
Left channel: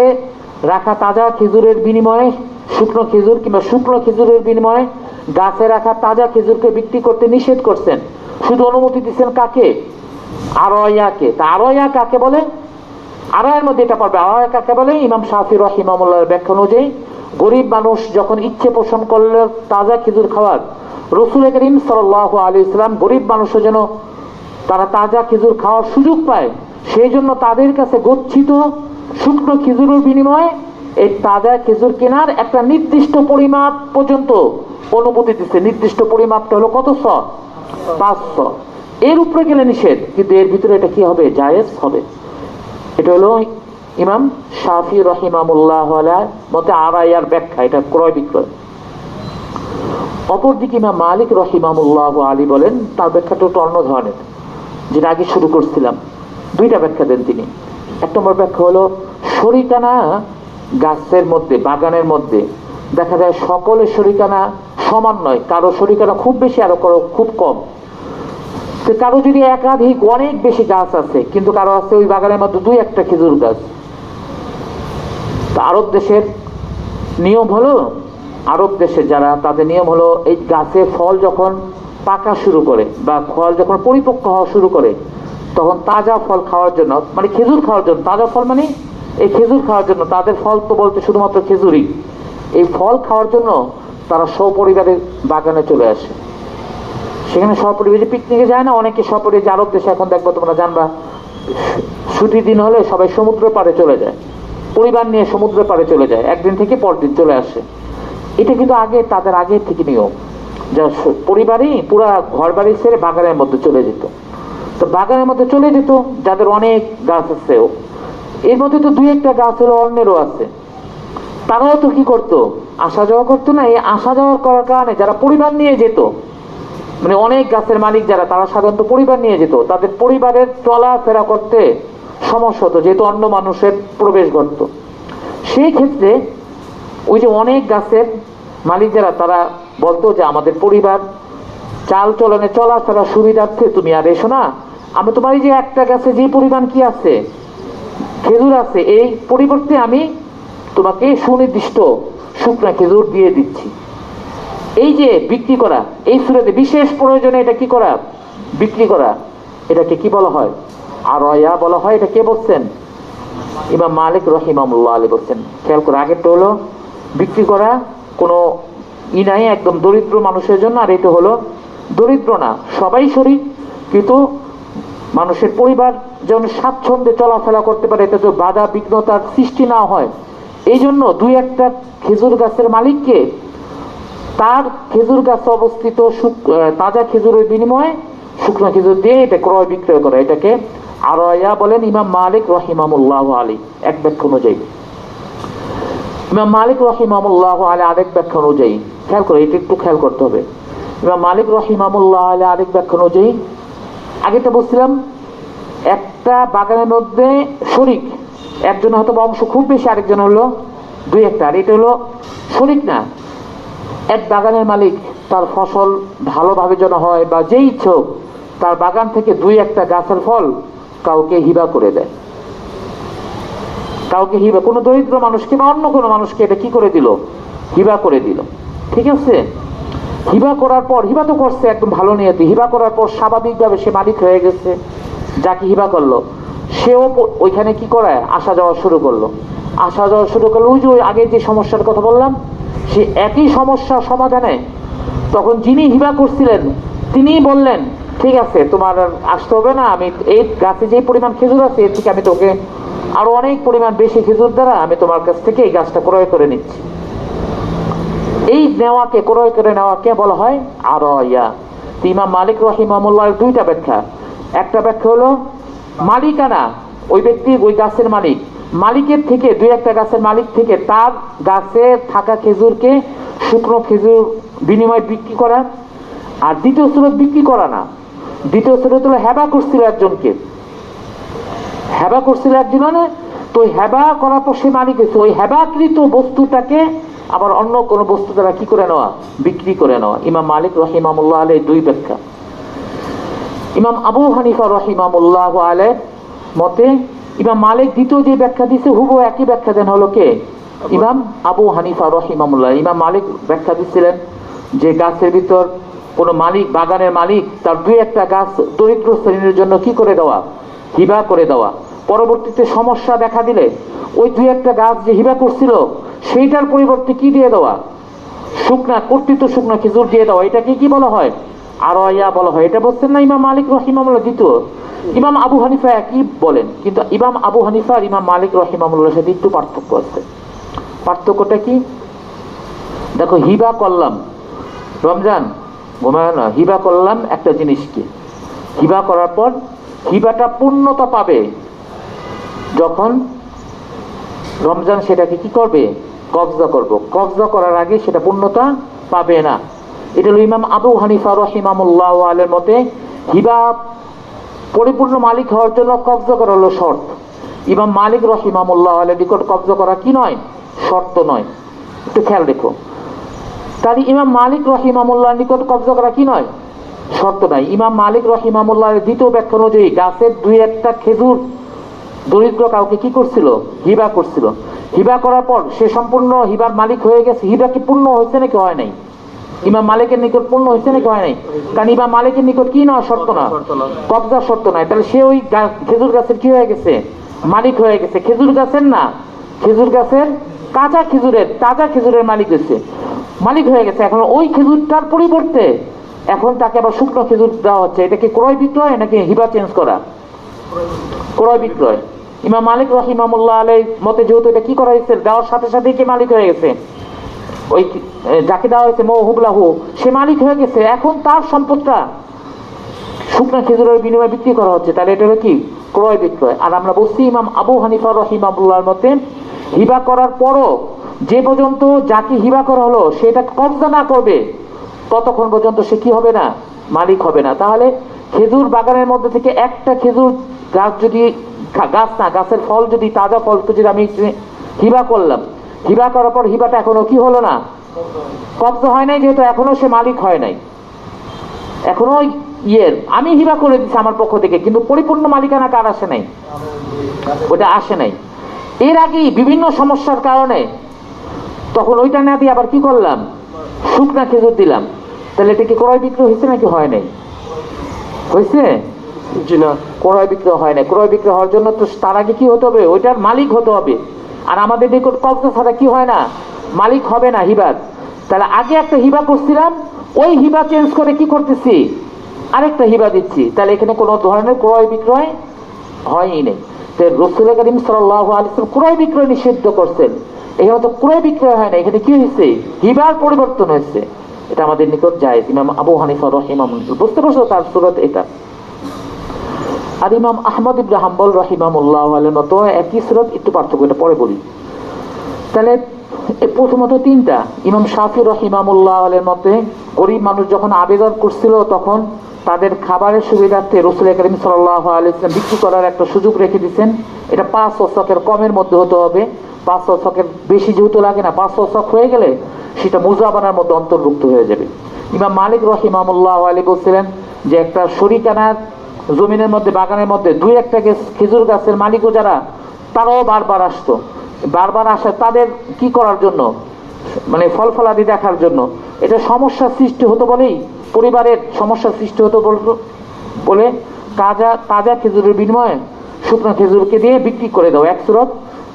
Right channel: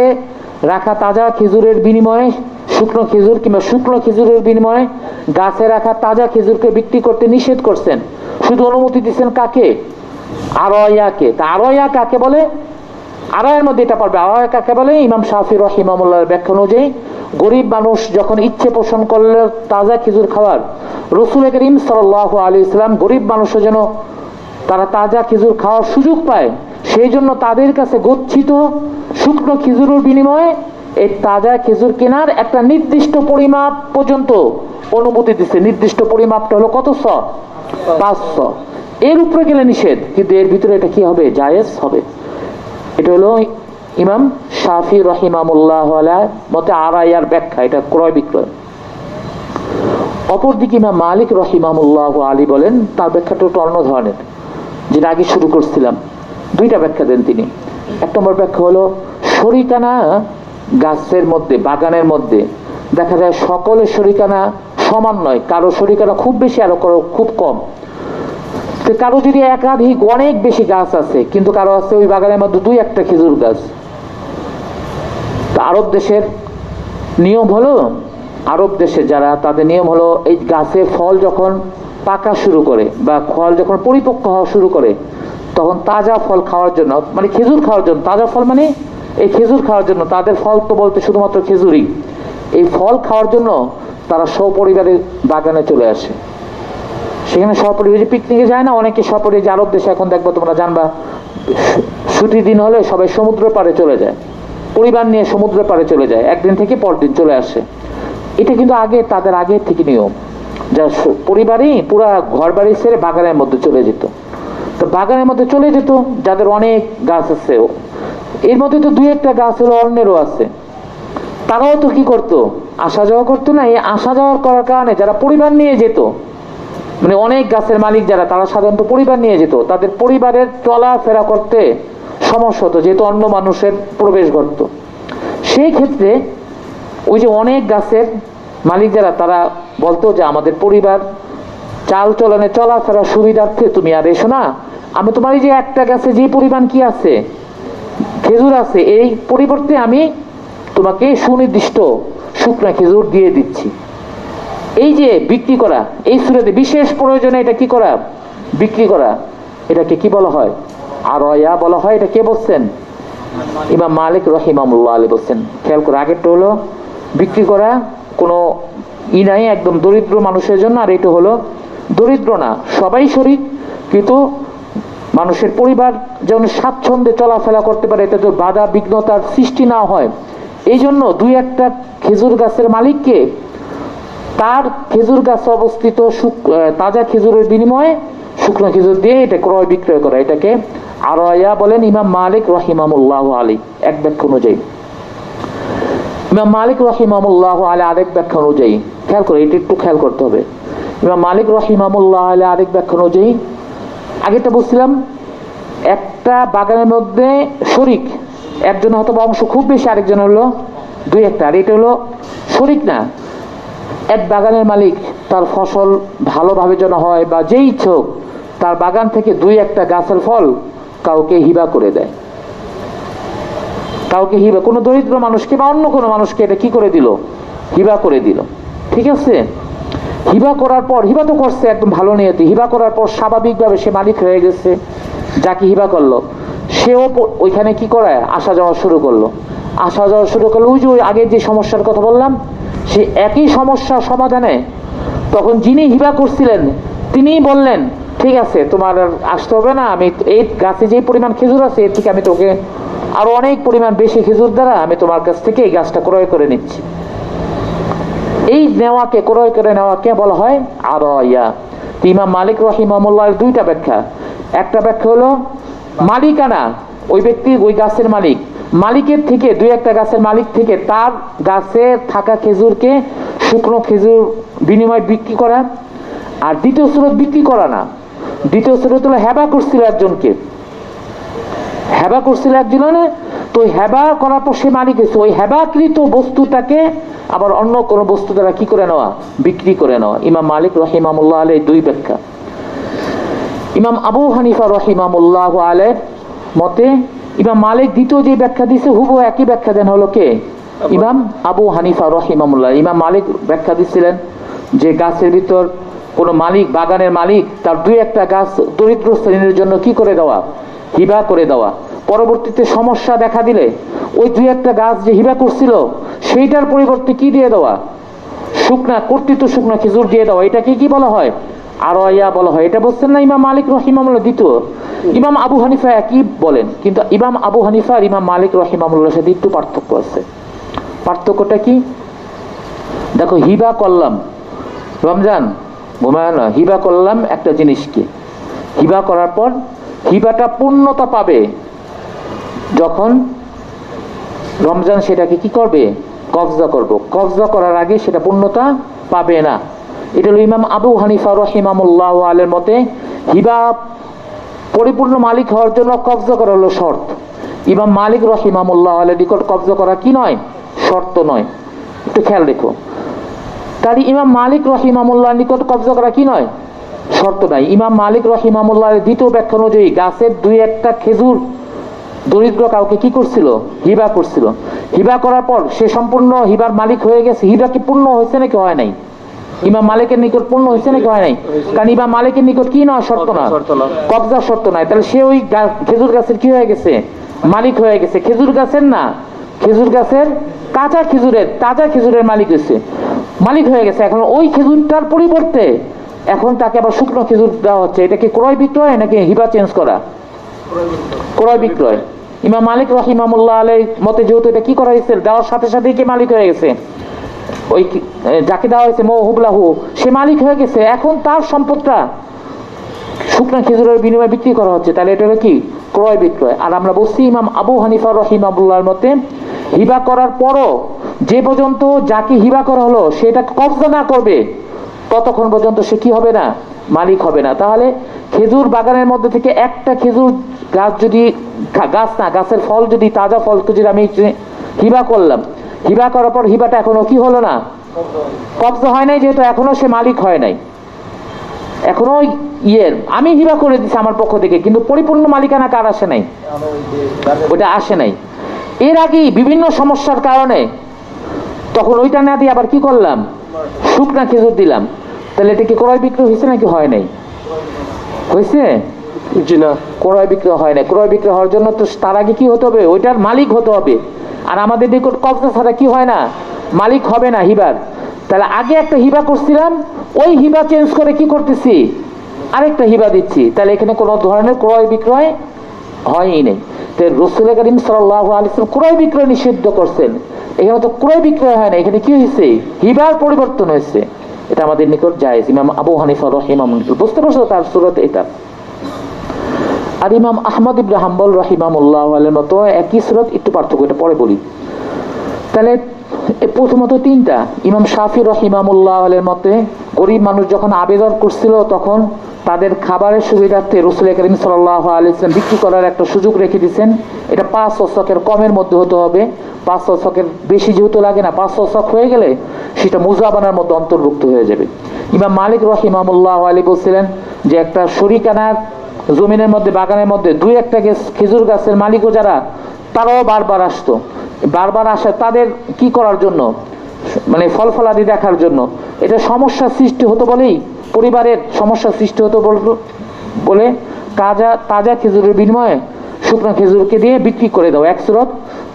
রাখা তাজা খেজুরের বিনিময়ে শুকনো খেজুর কিংবা শুকনো খেজুরের বিনিময়ে গাছে রাখা তাজা খেজুরকে বিক্রি করতে নিষেধ করছেন। শুধু অনুমতি দিচ্ছেন কাকে? আরায়াকে। তা আরায়া কাকে বলে? আরায়ের মধ্যে এটা পড়বে। আরায়া কাকে বলে? ইমাম শাফি রাহিমাহুল্লাহর ব্যাখ্যা অনুযায়ী, গরিব মানুষ যখন ইচ্ছে পোষণ করলে তাজা খেজুর খাওয়ার, রাসূল করিম সাল্লাল্লাহু আলাইহি ওয়াসাল্লাম গরিব মানুষের যেন তারা তাজা খেজুর খাওয়ার সুযোগ পায়, সেই জন্য তাদের কাছে গচ্ছিত শুকনো খেজুরের বিনিময়ে এই তাজা খেজুর কেনার একটা নির্দিষ্ট পরিমাপ পর্যন্ত অনুমতি দিচ্ছে। নির্দিষ্ট পরিমাপটা হলো কত স? 500। এর উপরে গেলে নিষেধ, কিন্তু এর ভিতরে এটা কি হবে? জায়েজ হবে। এটা হলো ইমাম শাফি রাহিমাহুল্লাহ মতে আরায়ার ব্যাখ্যা, এটা ক্রয় বিক্রয়। অপরদিকে ইমাম মালিক রাহিমাহুল্লাহ আলী বলেন, তার ব্যাখ্যাটা একটু অন্য ধরনের, যেটা আগে শুরু করছিলাম। 2টা ব্যাখ্যা দেন তিনি। 1 নম্বর ব্যাখ্যা হলো, শরিকানা গাছের মধ্যে, বাগানের মধ্যে দেখা যায় সকলের শরিকানা সমান নয়, কারো শরিকানা খুব বেশি, আরো খুব কম। তো কারো যদি একাধিক অনেক বেশি গাছ আছে, কিন্তু কারো আছে ওই বাগানের মধ্যে 2-1টা খেজুর গাছ। আরব দেশের নিয়ম হলো, আরব দেশে যারা, তাদের নিয়ম হলো এই গাছে ফল যখন পাকা শুরু করে বা ফল যখন পরিপক্ক হওয়া শুরু করে, তখন তাজা ফল খাওয়ার জন্য, মানে খেজুর খাওয়ার জন্য, তাজা ফল মানে এই খেজুর খাওয়ার জন্য, তাদের ফল তো বলতে শুধুমাত্র খেজুরই, এই ফল খাওয়ার জন্য তারা সপরিবারে বাগানে চলে আসে। সেখানে সপরিবারে পিকনিকে যায় না অনেকে, সপরিবারে আরব দেশে এখন দেখবো তোমরা জানবা, ছুটির দিন হলে সবাই সমুদ্র পাড়ে চলে যায়, পরিবার নিয়ে সমুদ্র পাড়ে চলে যায়, একদিন থেকে পরদিন চলে আসে। এটা কিন্তু তাদের আগে থেকে নিয়ম, যা পরিবারই পুরা ঘর বাড়ি ছেড়ে বাগানের মধ্যে চলে যেত। তো বাগানের মধ্যে চলে যেত যাদের অনেক গাছ আছে, এর মধ্যে তো 2-1টা গাছ হলো অন্যেরও আছে, তারাও তো কি করতো? আসা যাওয়া করতো না। এই আসা যাওয়া করার কারণে যারা পরিবার নিয়ে যেত, মানে অনেক গাছের মালিক যারা, তারা সাধারণত পরিবার নিয়ে যেত, তাদের পরিবারের চলাফেরা করতে সমস্যা হতো, যেহেতু অন্য মানুষের প্রবেশ ঘটতো। সেই ক্ষেত্রে ওই যে অনেক গাছের মালিক যারা, তারা বলতো যে আমাদের পরিবার চাল চলনে চলাফেরা সুবিধার্থে তুমি আর এসো না, আমি তোমার এই যে একটা গাছে যে পরিমাণ কি আছে, খেজুর আছে, এই পরিবর্তে আমি তোমাকে সুনির্দিষ্ট শুকনা খেজুর দিয়ে দিচ্ছি। এই যে বিক্রি করা, এই সুরাতে বিশেষ প্রয়োজনে এটা কি করা? বিক্রি করা। এটাকে কি বলা হয়? আরয়া বলা হয়। এটা কে বলছেন? ইমাম মালিক রাহিমাহুল্লাহ আলাইহি বলছেন। খেয়াল করে, আগেরটা হলো বিক্রি করা কোনো নাই একদম দরিদ্র মানুষের জন্য, আর এটা হলো দরিদ্র না, সবাই শরীক, কিন্তু মানুষের পরিবার যেন স্বাচ্ছন্দ্যে চলাফেরা করতে পারে, এটা তো বাধা বিঘ্নতার সৃষ্টি না হয়, এই জন্য দুই একটা খেজুর গাছের মালিককে তার খেজুর গাছে অবস্থিত তাজা খেজুরের বিনিময়ে শুকনো খেজুর দিয়ে এটা ক্রয় বিক্রয় করে, এটাকে আরয়া বলেন। ইমাম মালিক রাহিমাহুল্লাহ আলাইহি এক ব্যাখ্যা অনুযায়ী, ইমাম মালিক রাহিমাহুল্লাহ আলাইহি আরেক ব্যাখ্যা অনুযায়ী, খেয়াল করে, এটা একটু খেয়াল করতে হবে। ইমাম মালিক রাহিমাহুল্লাহ আলাইহি আরেক ব্যাখ্যা অনুযায়ী, আগেটা বলছিলাম একটা বাগানের মধ্যে শরিক, একজন হয়তো অংশ খুব বেশি, আরেকজন হলো দুই একটা, আর এটা হলো শরিক না। এক বাগানের মালিক তার ফসল ভালোভাবে যেন হয়, বা যেই ইচ্ছুক তার বাগান থেকে দুই একটা গাছের ফল কাউকে হিবা করে দেয়, কাউকে হিবা, কোনো দরিদ্র মানুষকে বা অন্য কোনো মানুষকে এটা কি করে দিল? হিবা করে দিল। ঠিক আছে, হিবা করার পর, হিবা তো করছে একদম ভালো নিয়তে, হিবা করার পর স্বাভাবিকভাবে সে মালিক হয়ে গেছে, যাকে হিবা করলো সেও ওইখানে কি করে আসা যাওয়া শুরু করলো, আসা যাওয়া শুরু করলো। ওই যে আগে যে সমস্যার কথা বললাম, সে একই সমস্যার সমাধানে তখন যিনি হিবা করছিলেন তিনি বললেন, ঠিক আছে তোমার আসতে হবে না, আমি এই গাছে যে পরিমাণ খেজুর আছে এর থেকে আমি তোকে আরো অনেক পরিমাণ বেশি খেজুর দ্বারা আমি তোমার কাছ থেকে এই গাছটা ক্রয় করে নিচ্ছি। এই নেওয়াকে, ক্রয় করে নেওয়াকে বলা হয় আরয়া। ইমাম মালিক রাহিমাহুল্লাহর দুইটা ব্যাখ্যা। একটা ব্যাখ্যা হলো মালিকানা, ওই ব্যক্তি ওই গাছের মালিক, মালিকের থেকে দুই একটা গাছের মালিক থেকে তার গাছে থাকা খেজুরকে শুকনো খেজুর বিনিময়ে বিক্রি করা। আর দ্বিতীয় সুরত বিক্রি করা না, দ্বিতীয় সুরত হলো হেবা করছিল একজনকে, হেবা করছিল একজনে, তো হেবা করার পর সে মালিক হয়েছে, ওই হেবাকৃত বস্তুটাকে আবার অন্য কোনো বস্তু দ্বারা কি করে নেওয়া? বিক্রি করে নেওয়া। ইমাম মালিক রাহিমাহুল্লাহ আলাইহি দুই ব্যাখ্যা। ইমাম আবু হানিফা রাহিমাহুল্লাহ আলাইহি মতে ইমাম মালিক দ্বিতীয় যে ব্যাখ্যা দিয়েছে হুবহু একই ব্যাখ্যা দেন হলো কে? ইমাম আবু হানিফা রাহিমাহুল্লাহ। ইমাম মালিক ব্যাখ্যা দিচ্ছিলেন যে গাছের ভিতর কোনো মালিক, বাগানের মালিক তার দুই একটা গাছ দরিদ্র শ্রেণীর জন্য কি করে দেওয়া? হিবা করে দেওয়া। পরবর্তীতে সমস্যা দেখা দিলে ওই দুই একটা গাছ যে হিবা করছিল সেইটার পরিবর্তে কি দিয়ে দেওয়া? শুকনা, কর্তৃত্ব শুকনা খেজুর দিয়ে দেওয়া। এটাকে কি বলা হয়? আরয়া বলা হয়। এটা বলছেন না ইমাম মালিক রাহিমাহুল্লাহ দ্বিতীয়। ইমাম আবু হানিফা একই বলেন, কিন্তু ইমাম আবু হানিফা আর ইমাম মালিক রাহিমাহুল্লাহর সাথে একটু পার্থক্য আছে। পার্থক্যটা কি? দেখো, হিবা করলাম, রমজান ঘুমায়, হিবা করলাম একটা জিনিসকে, হিবা করার পর হিবাটা পূর্ণতা পাবে যখন রমজান সেটাকে কি করবে? কবজা করব। কবজা করার আগে সেটা পূর্ণতা পাবে না। এটা হলো ইমাম আবু হানিফা রাহিমাহুল্লাহ আলাইহির মতে হিবা পরিপূর্ণ মালিক হওয়ার জন্য কবজা করা হলো শর্ত। ইমাম মালিক রাহিমাহুল্লাহ আলাইহির নিকট কবজা করা কি নয়? শর্ত নয়। একটু খেয়াল রেখো, তাই ইমাম মালিক রাহিমাহুল্লাহর নিকট কবজা করা কি নয়? শর্ত নাই। ইমাম মালিক রাহিমাহুল্লাহর দ্বিতীয় ব্যাখ্যা অনুযায়ী গাছের দুই একটা খেজুর দরিদ্র কাউকে কি করছিল? হিবা করছিল। হিবা করার পর সে সম্পূর্ণ হিবার মালিক হয়ে গেছে। হিবা কি পূর্ণ হয়েছে নাকি হয় নাই? ইমাম মালিকের নিকট পূর্ণ হয়েছে নাকি হয় নাই? কারণ ইমাম মালিকের নিকট কি নয়? শর্ত না, কবজা শর্ত নাই। তাহলে সে ওই খেজুর গাছের কি হয়ে গেছে? মালিক হয়ে গেছে। খেজুর গাছের না, খেজুর গাছের কাঁচা খেজুরের, তাজা খেজুরের মালিক হয়েছে, মালিক হয়ে গেছে। এখন ওই খেজুরটার পরিবর্তে এখন তাকে আবার শুকনো খেজুর দেওয়া হচ্ছে। এটা কি ক্রয় বিক্রয় নাকি হিবা চেঞ্জ করা? ক্রয় বিক্রয়। ইমাম মালিক রাহিমাহুল্লাহ আলাইহির মতে যেহেতু এটা কি করা হয়েছে, দেওয়ার সাথে সাথেই কি মালিক হয়ে গেছে, ওই যাকে দেওয়া হয়েছে মওহুবলাহু সে মালিক হয়ে গেছে। এখন তার সম্পদটা শুকনো খেজুরের বিনিময়ে বিক্রি করা হচ্ছে, তাহলে এটা হলো কি? ক্রয় বিক্রয়। আর আমরা বলছি ইমাম আবু হানিফা রাহিমাহুল্লাহর মতে হিবা করার পরও যে পর্যন্ত যাকে হিবা করা হলো সেটা কবজা না করবে ততক্ষণ পর্যন্ত সে কি হবে না? মালিক হবে না। তাহলে খেজুর বাগানের মধ্যে থেকে একটা খেজুর গাছ যদি, গাছ না, গাছের ফল যদি, তাজা ফল যদি আমি হিবা করলাম, হিবা করার পর হিবাটা এখনো কি হলো না? কবজা হয় নাই, যেহেতু এখনো সে মালিক হয় নাই, এখনো আমি হিবা করে দিচ্ছি আমার পক্ষ থেকে, কিন্তু পরিপূর্ণ মালিকানা কার আসে নাই? ওটা আসে নাই। এর আগেই বিভিন্ন সমস্যার কারণে তখন ওইটা না দিয়ে আবার কি করলাম? শুকনা খেজুর দিলাম। তাহলে এটা কি ক্রয় বিক্রয় হয়েছে নাকি হয় নাই? হয়েছে। জি না। ক্রয় বিক্রয় হয় না। ক্রয় বিক্রয় হওয়ার জন্য তো তার আগে কি হতে হবে? ওইটার মালিক হতে হবে। আর আমাদের নিকট কবজা ছাড়া কি হয় না? মালিক হবে না হিবার। তাহলে আগে একটা হিবা করছিলাম, ওই হিবা চেঞ্জ করে কি করতেছি? আরেকটা হিবা দিচ্ছি। তাহলে এখানে কোনো ধরনের ক্রয় বিক্রয় হয়ই নেই। তো রাসূল করিম সাল্লাল্লাহু আলাইহি ওয়াসাল্লাম ক্রয় বিক্রয় নিষিদ্ধ করছেন। এখানে তো ক্রয় বিক্রয় হয় না, এখানে কি হয়েছে? হিবার পরিবর্তন হয়েছে। এটা আমাদের নিকট জায়েজ। ইমাম আবু হানিফা রাহিমাহুল্লাহ, বুঝতে পারছো তার সূরত এটা। আর ইমাম আহমদ ইবনে হাম্বল রাহিমাহুল্লাহ আলাইহির মতো একই সূরত, একটু পার্থক্য, এটা পরে বলি। তাহলে প্রথমত তিনটা। ইমাম শাফি রাহিমাহুল্লাহ আলাইহির মতে গরিব মানুষ যখন আবেদন করছিল তখন তাদের খাবারের সুবিধার্থে রাসূল করিম সাল্লাল্লাহু আলাইহি ওয়াসাল্লাম বিক্রি করার একটা সুযোগ রেখে দিয়েছেন। এটা 5 ওয়াসাকের কমের মধ্যে হতে হবে। 5 ওয়াসাকের বেশি যেহেতু লাগে না, 5 ওয়াসাক হয়ে গেলে সেটা মুজাবানার মধ্যে অন্তর্ভুক্ত হয়ে যাবে। ইমাম মালিক রাহিমাহুল্লাহ আলাইহি বলছিলেন যে একটা শরিকানার জমিনের মধ্যে, বাগানের মধ্যে 2-1টা খেজুর গাছের মালিকও যারা, তারাও বারবার আসতো। বারবার আসে তাদের কি করার জন্য? মানে ফল ফলাদি দেখার জন্য। এটা সমস্যার সৃষ্টি হতো বলেই, পরিবারের সমস্যার সৃষ্টি হতো বলে তাজা খেজুরের বিনিময়ে শুকনো খেজুরকে দিয়ে বিক্রি করে দাও, এক সুরত।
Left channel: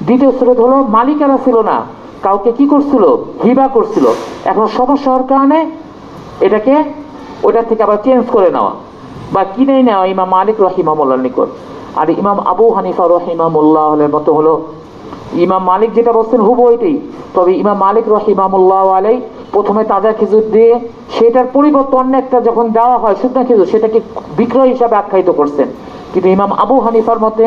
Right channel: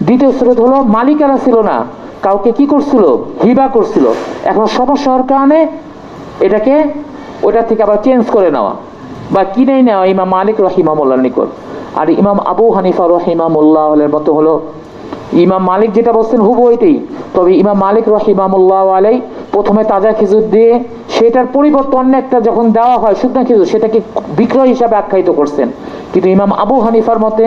দ্বিতীয় সুরত হলো মালিকানা ছিল না, কাউকে কি করছিল? হিবা করছিল। এখন সমস্যা হওয়ার কারণে এটাকে ওটা থেকে আবার চেঞ্জ করে নেওয়া বা কিনে নেওয়া ইমাম মালিক রাহিমাহুল্লাহর নিকট। আর ইমাম আবু হানিফা রাহিমাহুল্লাহর মতো হলো, ইমাম মালিক যেটা বলছেন হুবহু ওইটাই। তবে ইমাম মালিক রাহিমাহুল্লাহ আলাইহি প্রথমে তাজা খেজুর দিয়ে সেটার পরিবর্তে অন্য একটা যখন দেওয়া হয় শুকনো খেজুর, সেটাকে বিক্রয় হিসাবে আখ্যায়িত করছেন। কিন্তু ইমাম আবু হানিফার মতে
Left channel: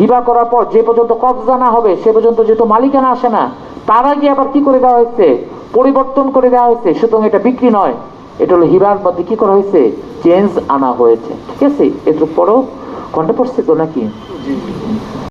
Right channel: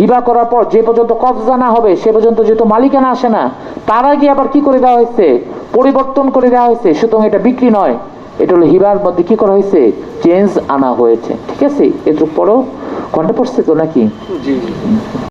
হিবা করার পর যে পর্যন্ত কবজা না হবে সে পর্যন্ত যেহেতু মালিকানা আসে না, তার আগে আবার কি করে দেওয়া হয়েছে? পরিবর্তন করে দেওয়া হয়েছে। সুতরাং এটা বিক্রি নয়, এটা হলো হিবার মধ্যে কি করা হয়েছে? চেঞ্জ আনা হয়েছে। ঠিক আছে, এর পরেও ঘন্টা পড়ছে তো নাকি? জি।